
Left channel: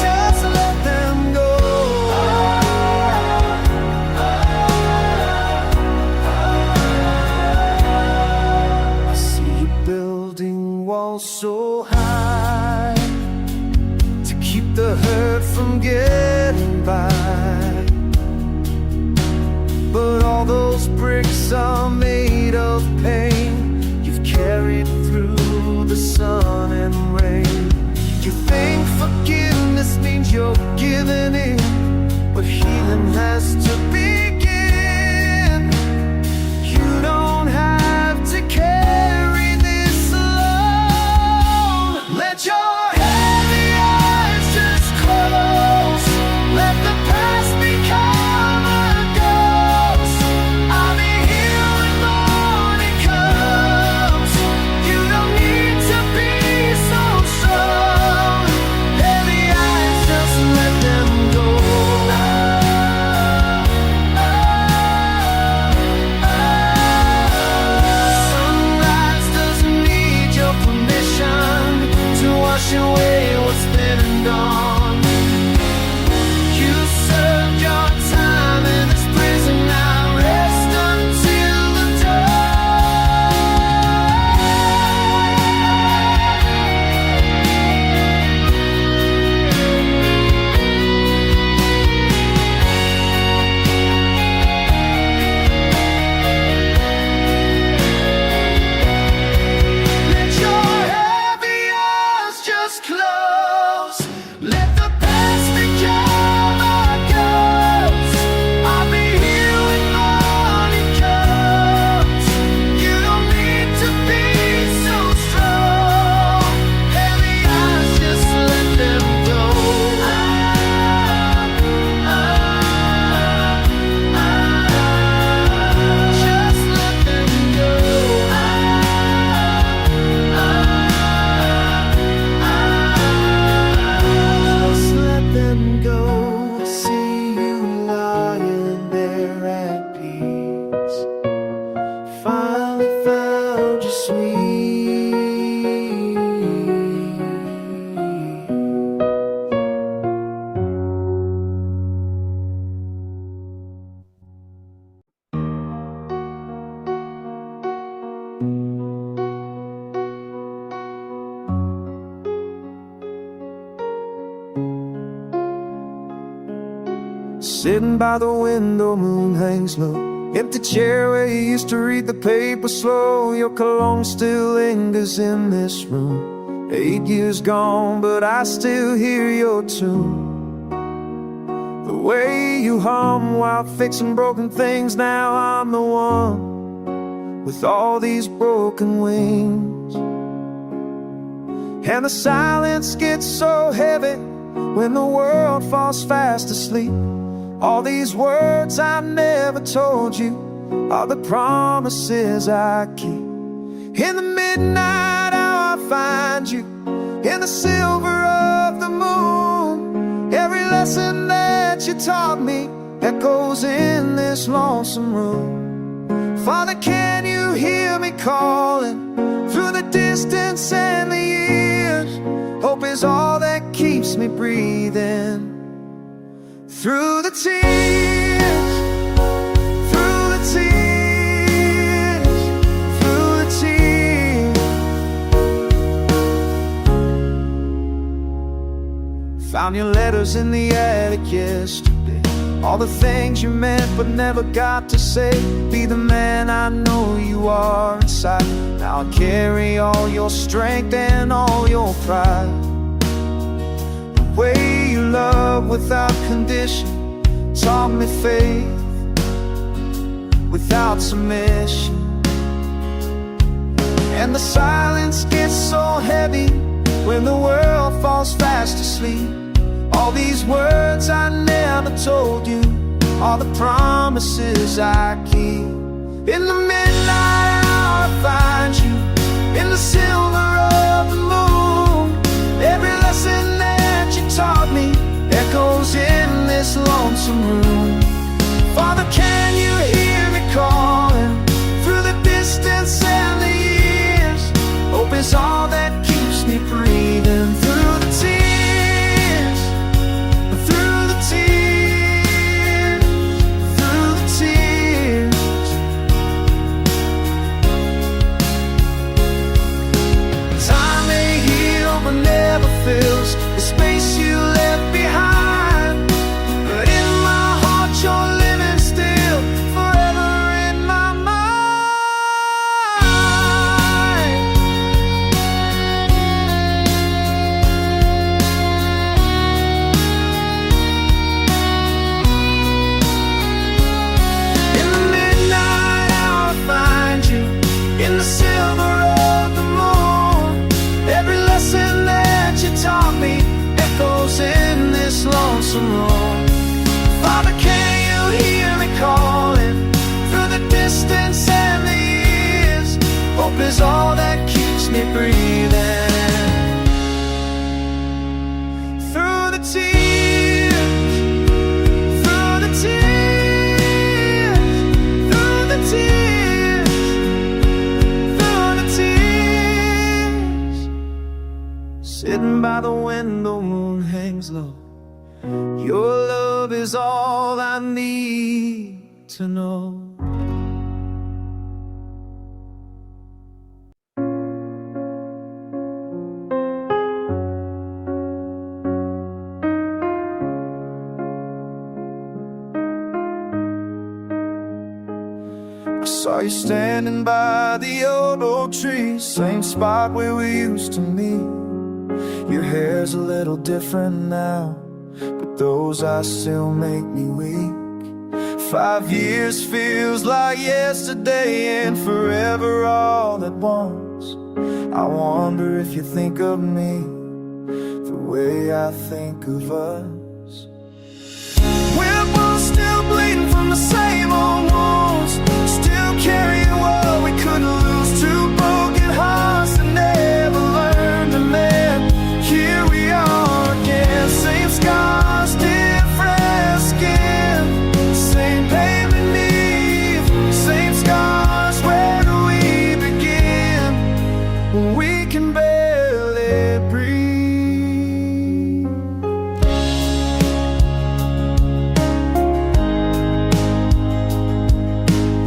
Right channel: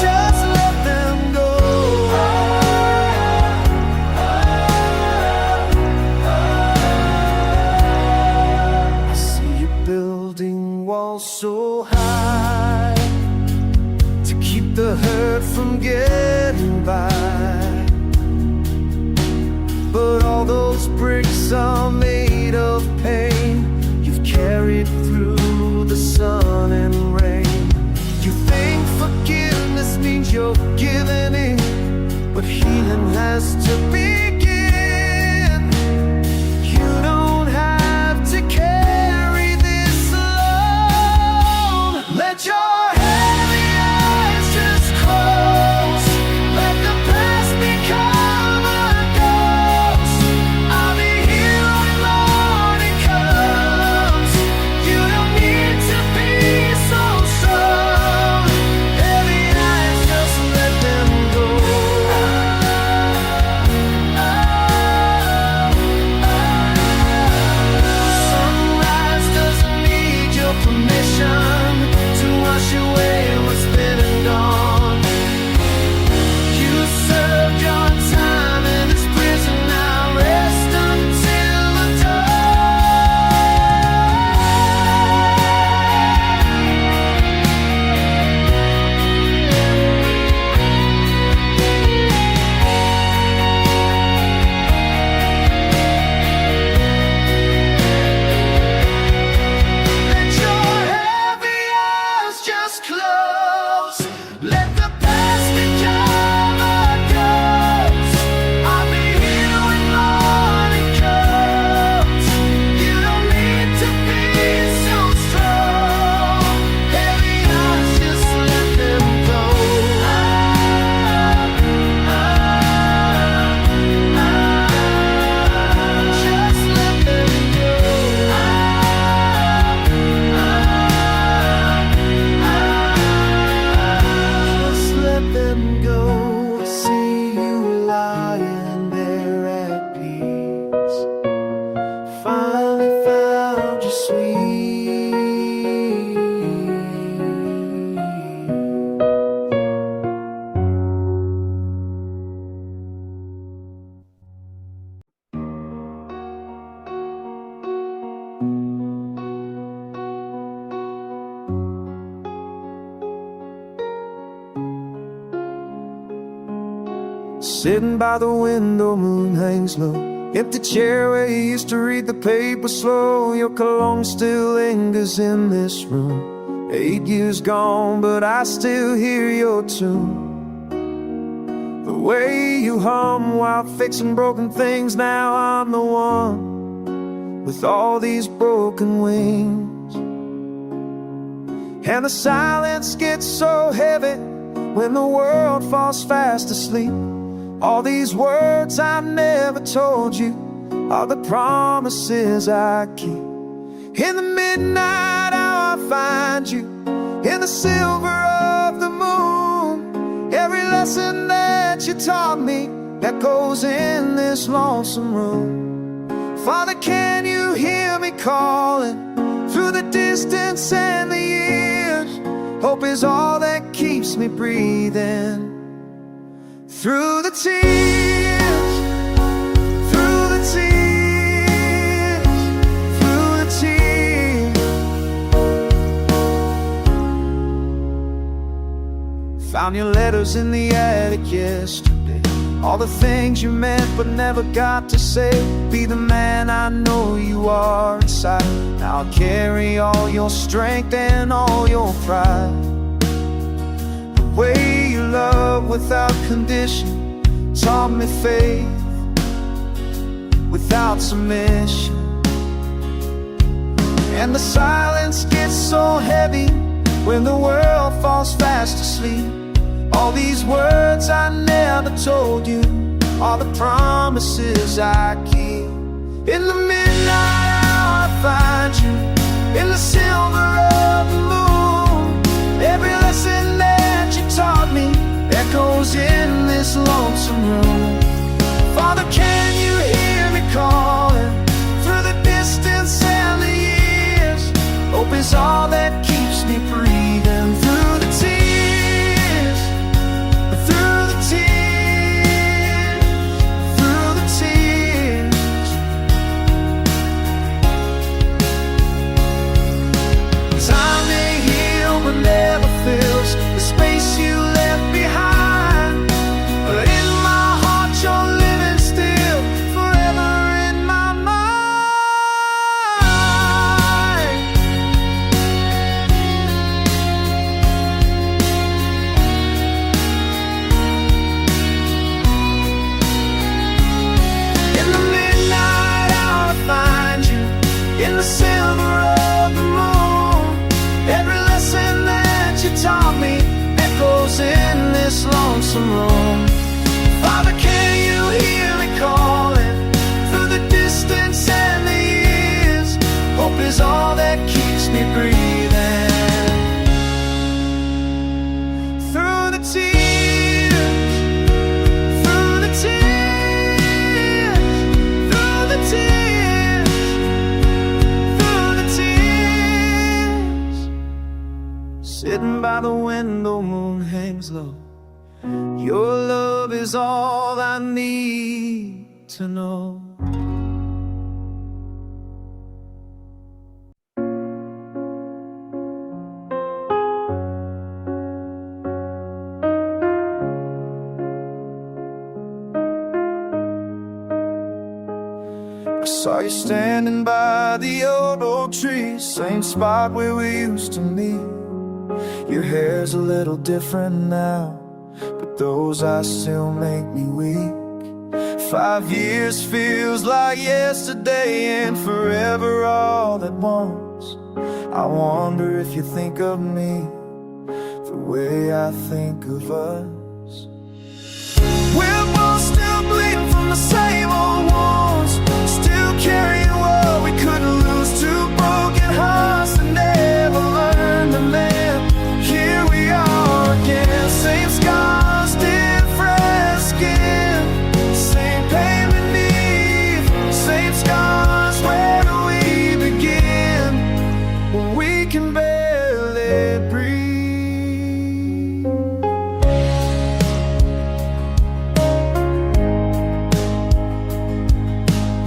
Just let them go. I see you building walls so high to keep the hurt from getting by. But all those bricks are made of pain you've carried through the sun and rain. You think forgiveness means you're giving in, but healing has to begin. You don't have to carry this alone. Let your heavy eyes just close. Let the past become a ghost. I'll be here when morning comes. You don't need to be so strong. Heavy eyes, just let them go. Sunrise doesn't need your permission to wash away what's been and gone. You served your time in this prison, now rest until the Let your heavy eyes just close. Let the past become a ghost. I'll be here when morning comes. You don't need to be so strong. Heavy eyes, just let them go. Just let them go. Just let them go. See you lying there at peace. Finally found your sweet. Sitting by the window, moon hangs low. Empty chair where you used to read the paper slow. Your cologne still lingers in this room. 8 years gone, but I still hear your tune. The way you hum while fixing broken things. Now I'm the one with all these broken wings. And the silence gets so heavy when the world falls fast asleep. All these words I never told you are the promises I keep. In the midnight hour I find you, in the silver of the moon. Every lesson that you taught me echoes in this lonesome room. Father, can you hear me calling through the distance and the years? Hope is all that keeps me breathing. Through the tears, through the tears, through the tears. Found your letters in the attic yesterday. All the things you meant but never got to say. Be the man I know you are inside. Now I'll carry all your strength and all your pride. The way you love without condition taught me faith without submission. And the silence gets so heavy when the world falls fast asleep. All these words I never told you are the promises I keep. In the midnight hour I find you, in the silver of the moon. Every lesson that you taught me echoes in this lonesome room. Father, can you hear me calling through the distance and the years? Hope is all that keeps me breathing. Through the tears, through the tears, through the tears. Time may heal but never fills the space you left behind. But in my heart you're living still, forever in my mind. miles in this lonesome road. Father, can you hear me calling through the distance and the years? Hope is all that keeps me breathing. Through the tears, through the tears, through the tears, through the tears. Sitting by the window, moon hangs low. Your love is all I need to know. I saw you standing by the old oak tree, same spot where we used to meet. Your hair's a little different now, but those eyes still make me weak. 5 years feels like yesterday and forever all at once. I wonder if you think of me the way I think of us. We're both still bleeding from the same old wounds, still carrying what we couldn't lose. Two broken hearts that never learned to mend. Here we are again, same scars, different skin, same pain beneath, same scars. Where do we begin when we can barely breathe?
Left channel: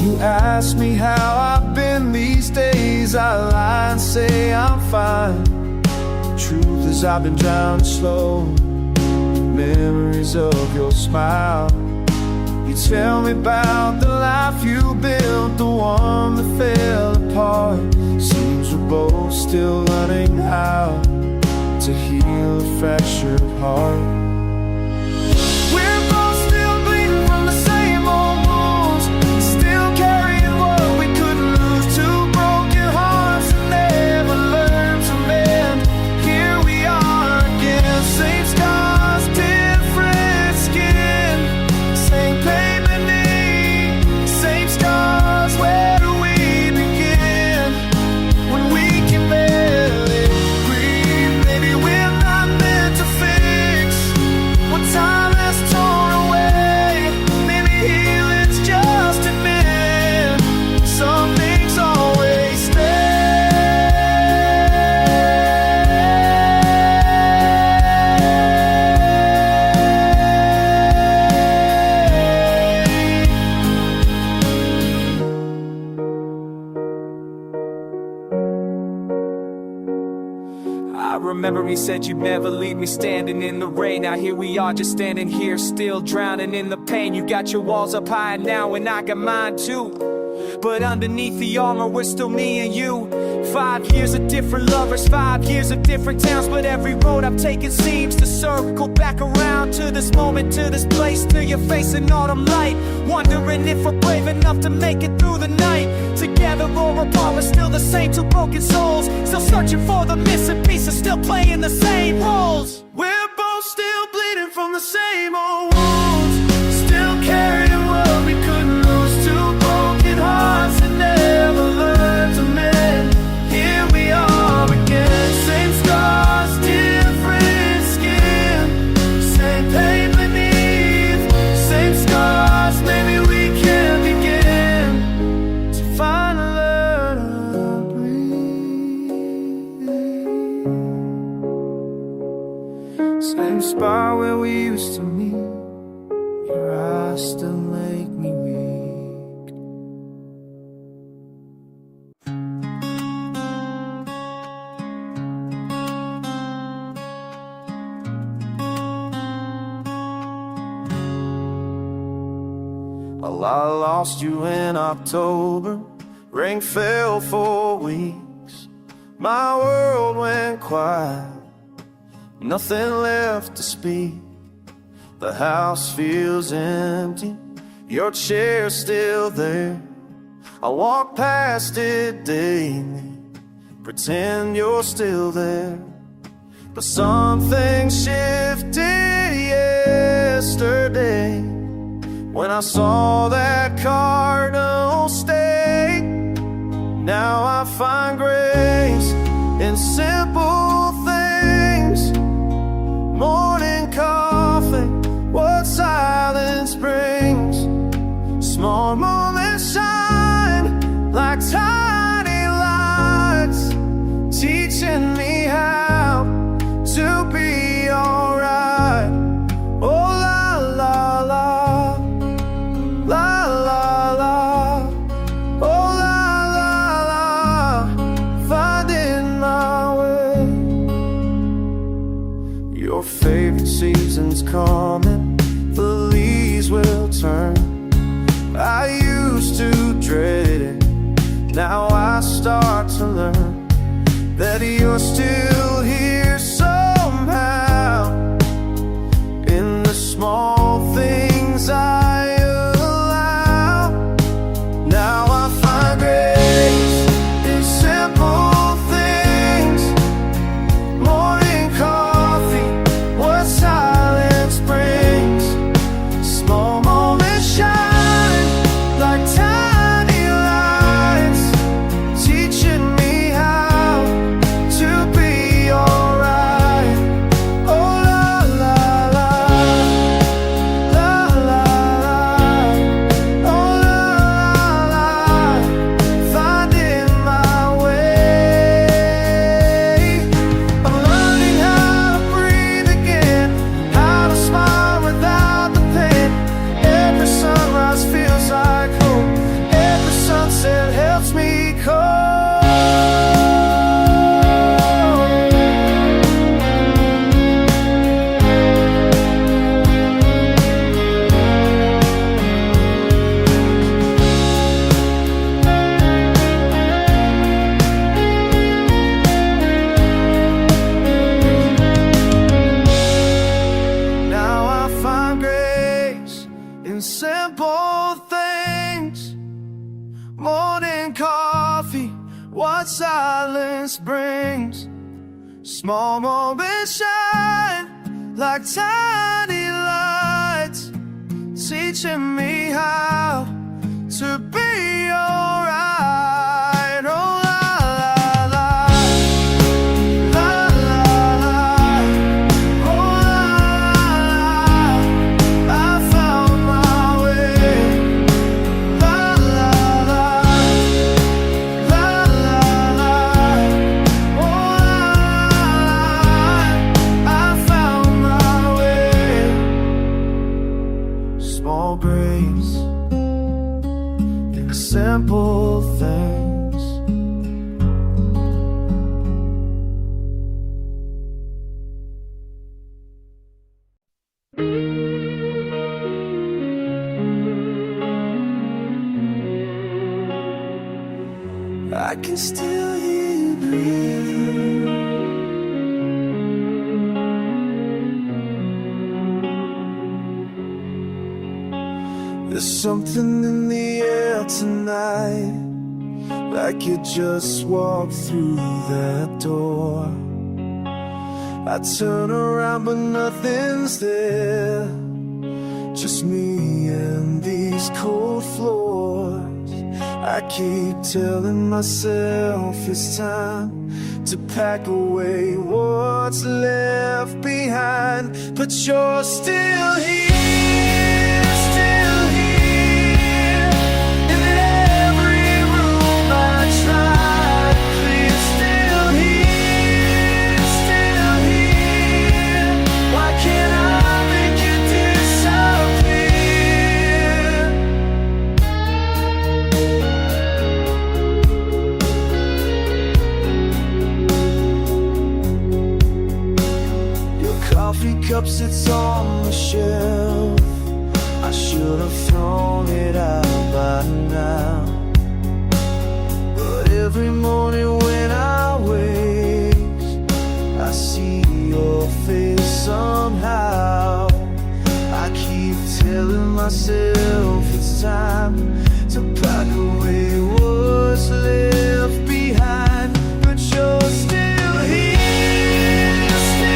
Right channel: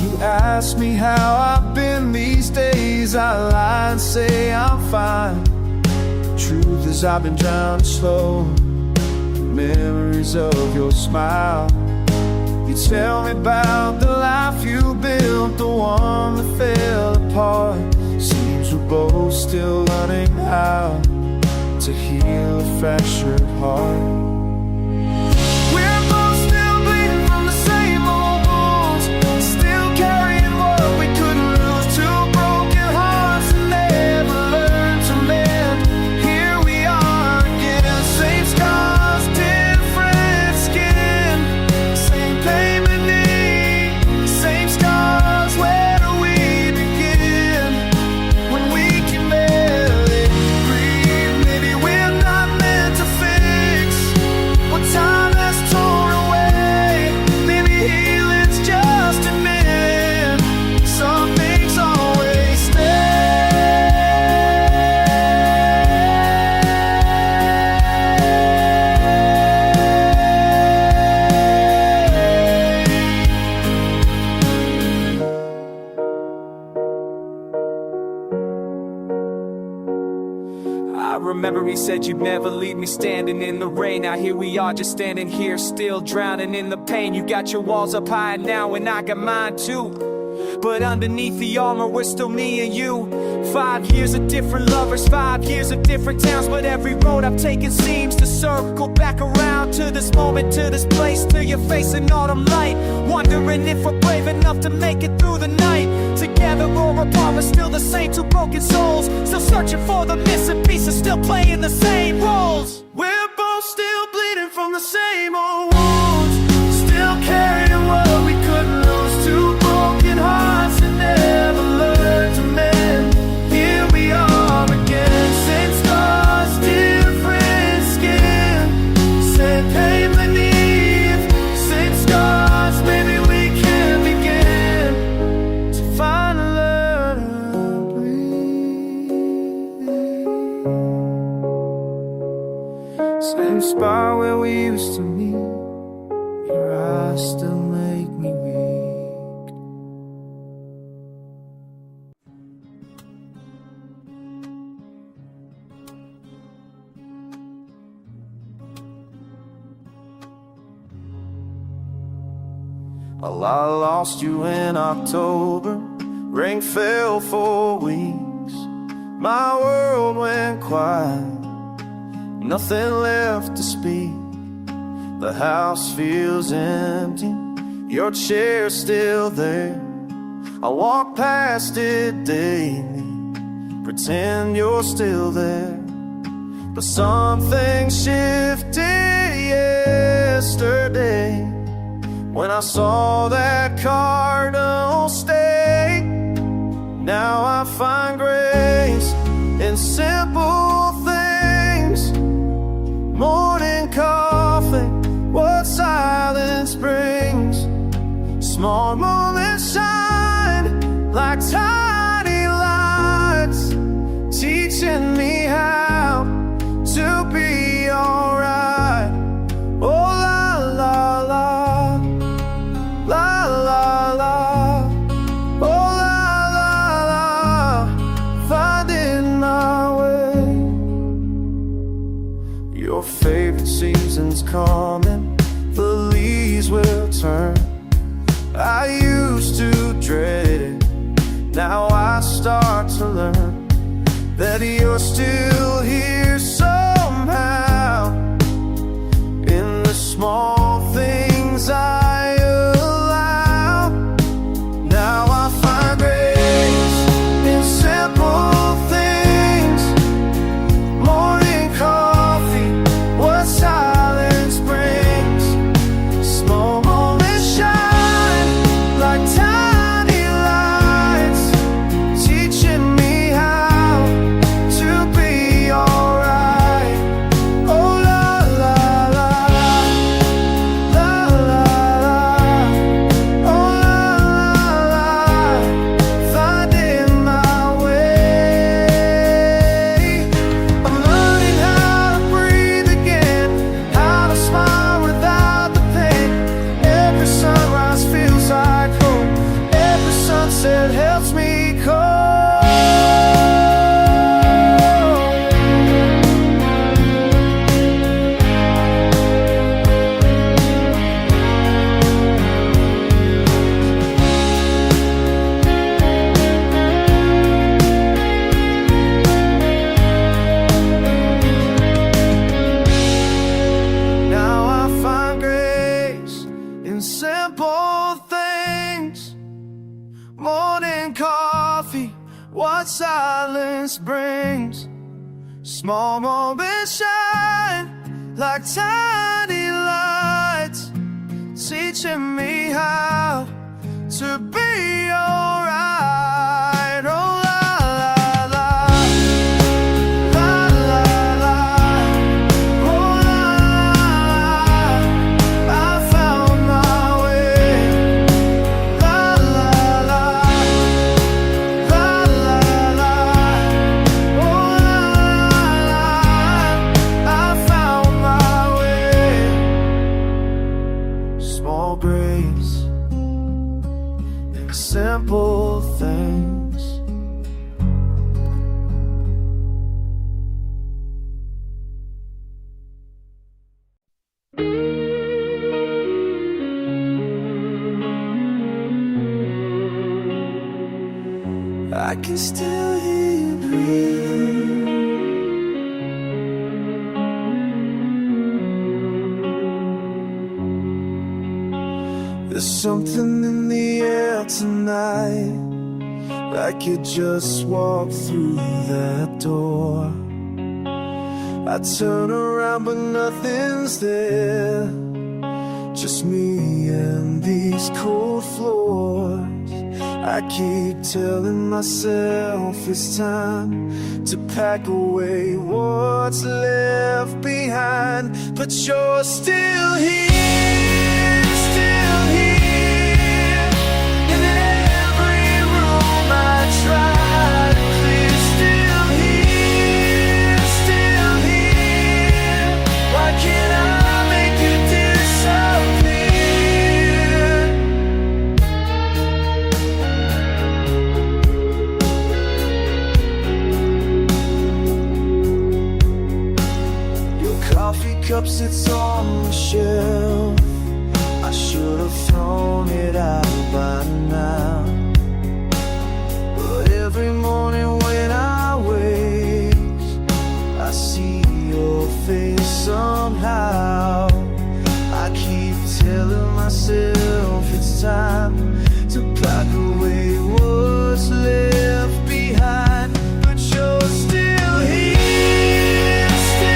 You ask me how I've been these days, I lie and say I'm fine. Truth is I've been drowning slow, memories of your smile. You tell me about the life you built, the one that fell apart. Seems we're both still learning how to heal a fractured heart. We're both still bleeding from the same old wounds, still carrying what we couldn't lose. Two broken hearts and never learned to mend. Here we are again, same scars, different skin, same pain beneath, same scars. Where do we begin when we can barely breathe? Maybe we're not meant to fix what time has torn away. Maybe healing's just admitting some things always stay. I remember he said you'd never leave me standing in the rain. Now here we are just standing here still drowning in the pain. You got your walls up high now and I got mine too, but underneath the armor we're still me and you. 5 years of different lovers, 5 years of different towns, but every road I've taken seems to circle back around to this moment, to this place, to your face in autumn light. Wondering if we're brave enough to make it through the night. Together or apart, we're still the same two broken souls, still searching for the missing pieces, still playing the same roles. We're both still bleeding from the same old wounds, still carrying what we couldn't lose. Two broken hearts that never learned to mend. Here we are again, same scars, different skin, same pain beneath, same scars. Maybe we can begin to finally learn to breathe. Same spot where we used to meet. Your eyes still make me weak. Well, I lost you in October. Rain fell for weeks. My world went quiet, nothing left to speak. The house feels empty, your chair's still there. I walk past it daily, pretend you're still there. but something shifted yesterday when I saw that cardinal stay. Now I find grace in simple things. Morning coffee, what silence brings. Small moments shine like tiny lights, teaching me how to be alright. Oh la la la, la la la, oh la la la, finding my way. Your favorite season's coming, the leaves will turn. I used to dread it, now I start to learn that you're still here somehow. In the small things I allow, now I find grace in simple things. Morning coffee, what silence brings. Small moments shine like tiny lights, teaching me how to be alright. Oh la la la, la la la, oh la la la, finding my way. I'm learning how to breathe again, how to smile without the pain. Every sunrise feels like hope, every sunset helps me cope. Now I find grace in simple things. Morning coffee, what silence brings. Small moments shine like tiny lights, teaching me how to be alright. Oh la la la, la la la, oh la la, I found my way. La la la, la la la, oh la la, I found my way. Small grace in simple things. I can still hear you breathing. There's something in the air tonight, like you just walked through that door. I turn around but nothing's there, just me and these cold floors. I keep telling myself it's time to pack away what's left behind, but you're still here, still here. In every room I try to clear, still here, still here. Why can't I make you disappear? Coffee cup sits on the shelf, I should have thrown it out by now. But every morning when I wake, I see your face somehow. I keep telling myself it's time to pack away what's left behind, but you're still here, still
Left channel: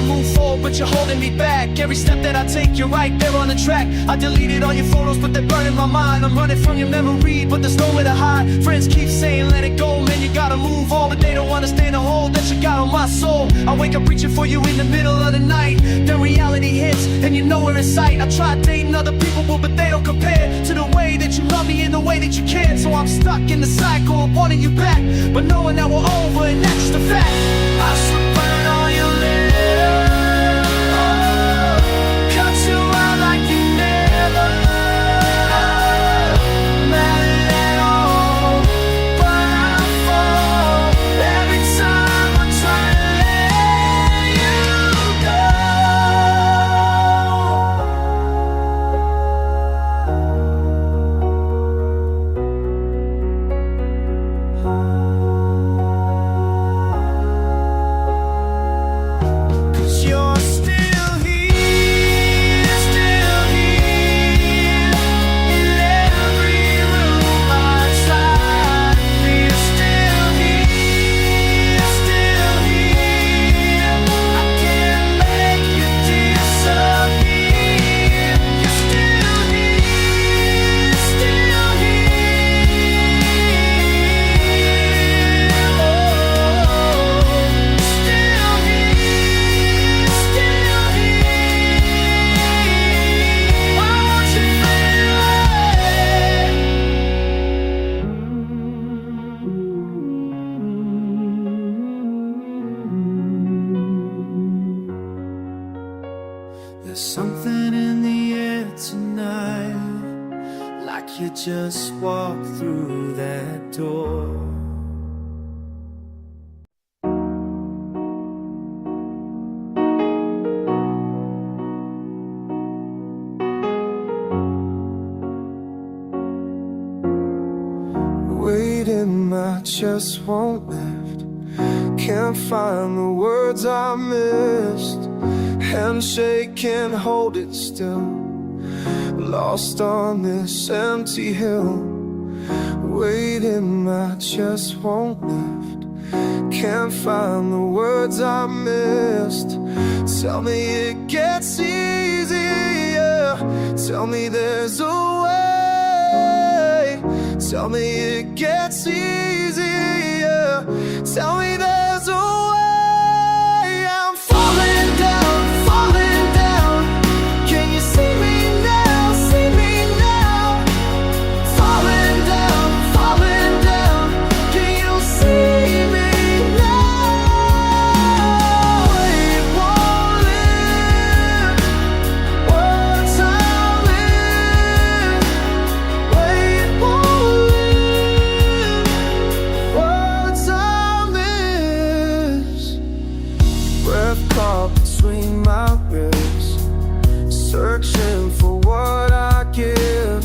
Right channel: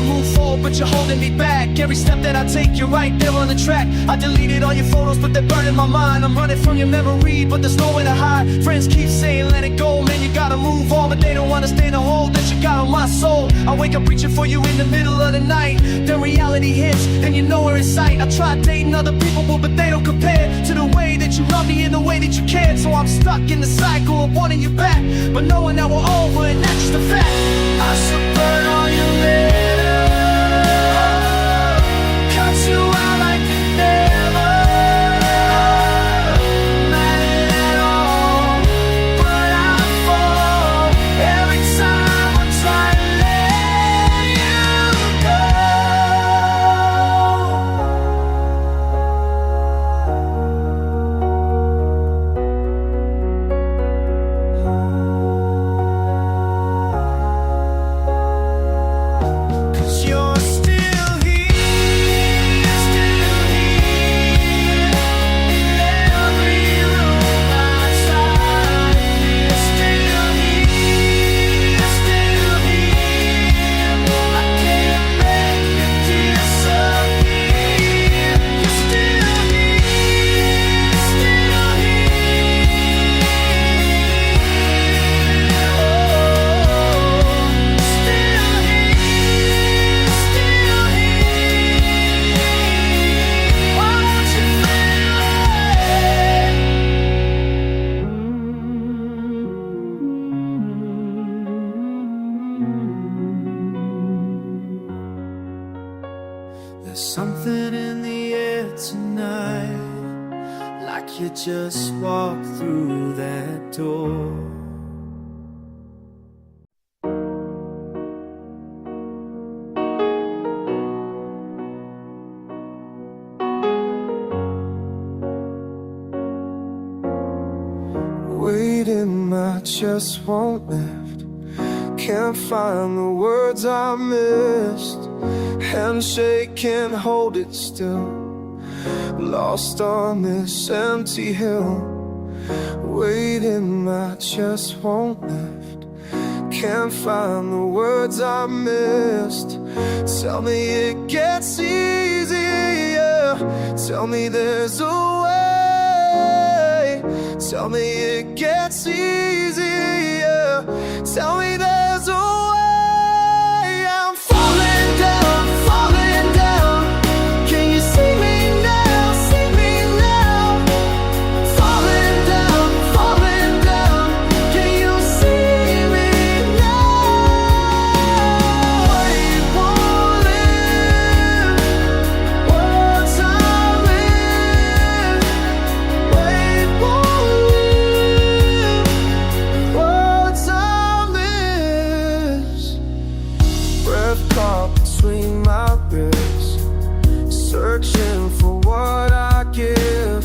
to move forward, but you're holding me back. Every step that I take, you're right there on the track. I deleted all your photos, but they're burning my mind. I'm running from your memory, but there's nowhere to hide. Friends keep saying let it go, man, you gotta move on, but they don't understand the hold that you got on my soul. I wake up reaching for you in the middle of the night. Then reality hits, and you're nowhere in sight. I tried dating other people, but they don't compare to the way that you love me and the way that you cared. So I'm stuck in the cycle of wanting you back, but knowing that we're over, and that's just a fact. I should burn all your letters, cut you out like you never mattered at all. But I fall every time I try to let you you're still here, still here. In every room I try to be. Still here, still here. I can't make you disappear. You're still here, still here. Oh, still here. Still here. Why won't you feel it? There's something in the air tonight, like you just walked through that door. Weight in my chest won't lift. Can't find the words I missed. Handshake, can't hold it still. Lost on this empty hill. Weight in my chest won't lift. Can't find the words I missed. Tell me it gets easier. Tell me there's a way. Tell me it gets easier. Tell me there's a way. I'm falling down, falling down. Can you see me now? See me now. Falling down, falling down. Can you see me now? It won't live. Words I live. Wait, won't live. Words I miss. Breath caught between my ribs, searching for what I give.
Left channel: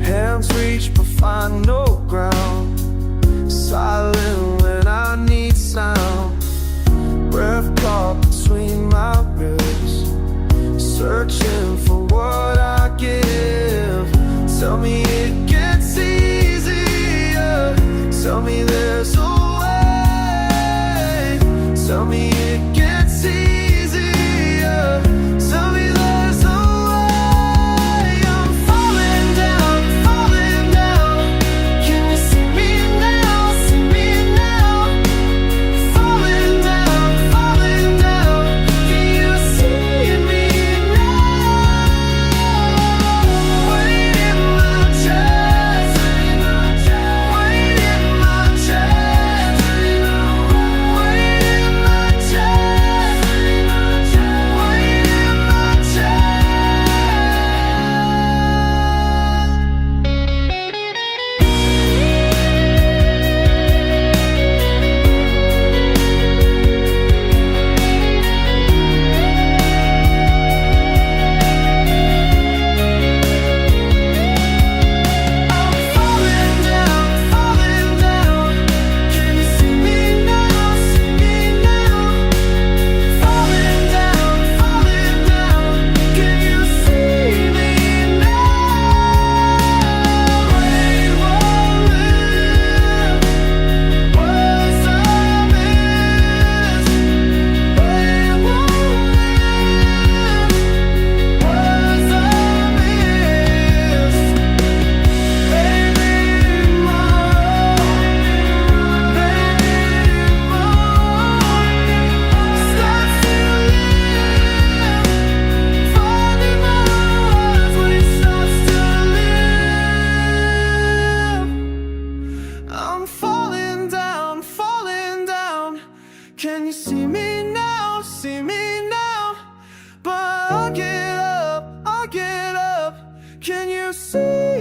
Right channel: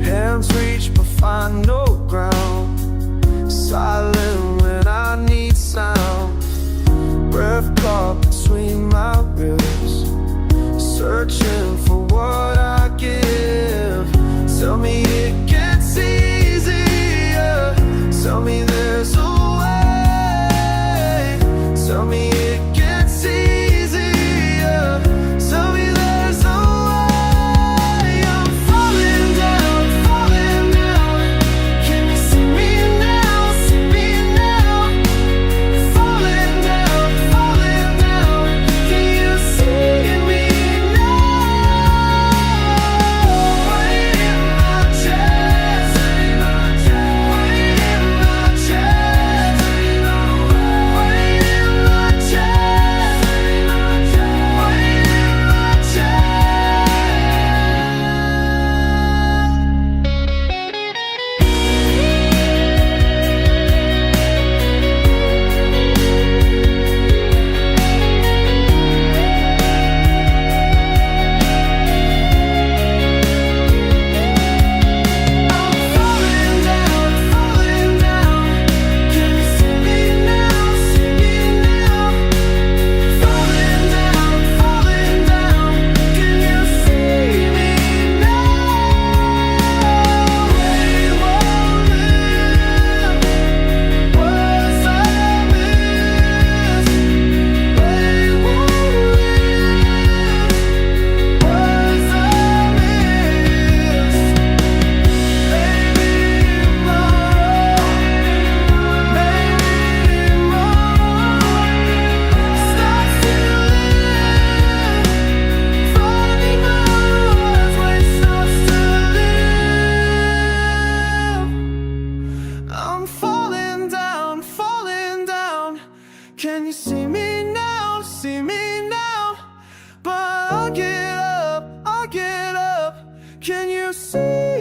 Hands reach but find no ground. Silent when I need sound. Breath caught between my ribs, searching for what I give. Tell me it gets easier. Tell me there's a way. Tell me it gets easier. Tell me there's a way. I'm falling down, falling down. Can you see me now? See me now. Falling down, falling down. Can you see me now? Weight in my chest. Weight in my chest. Weight in my chest. Can you see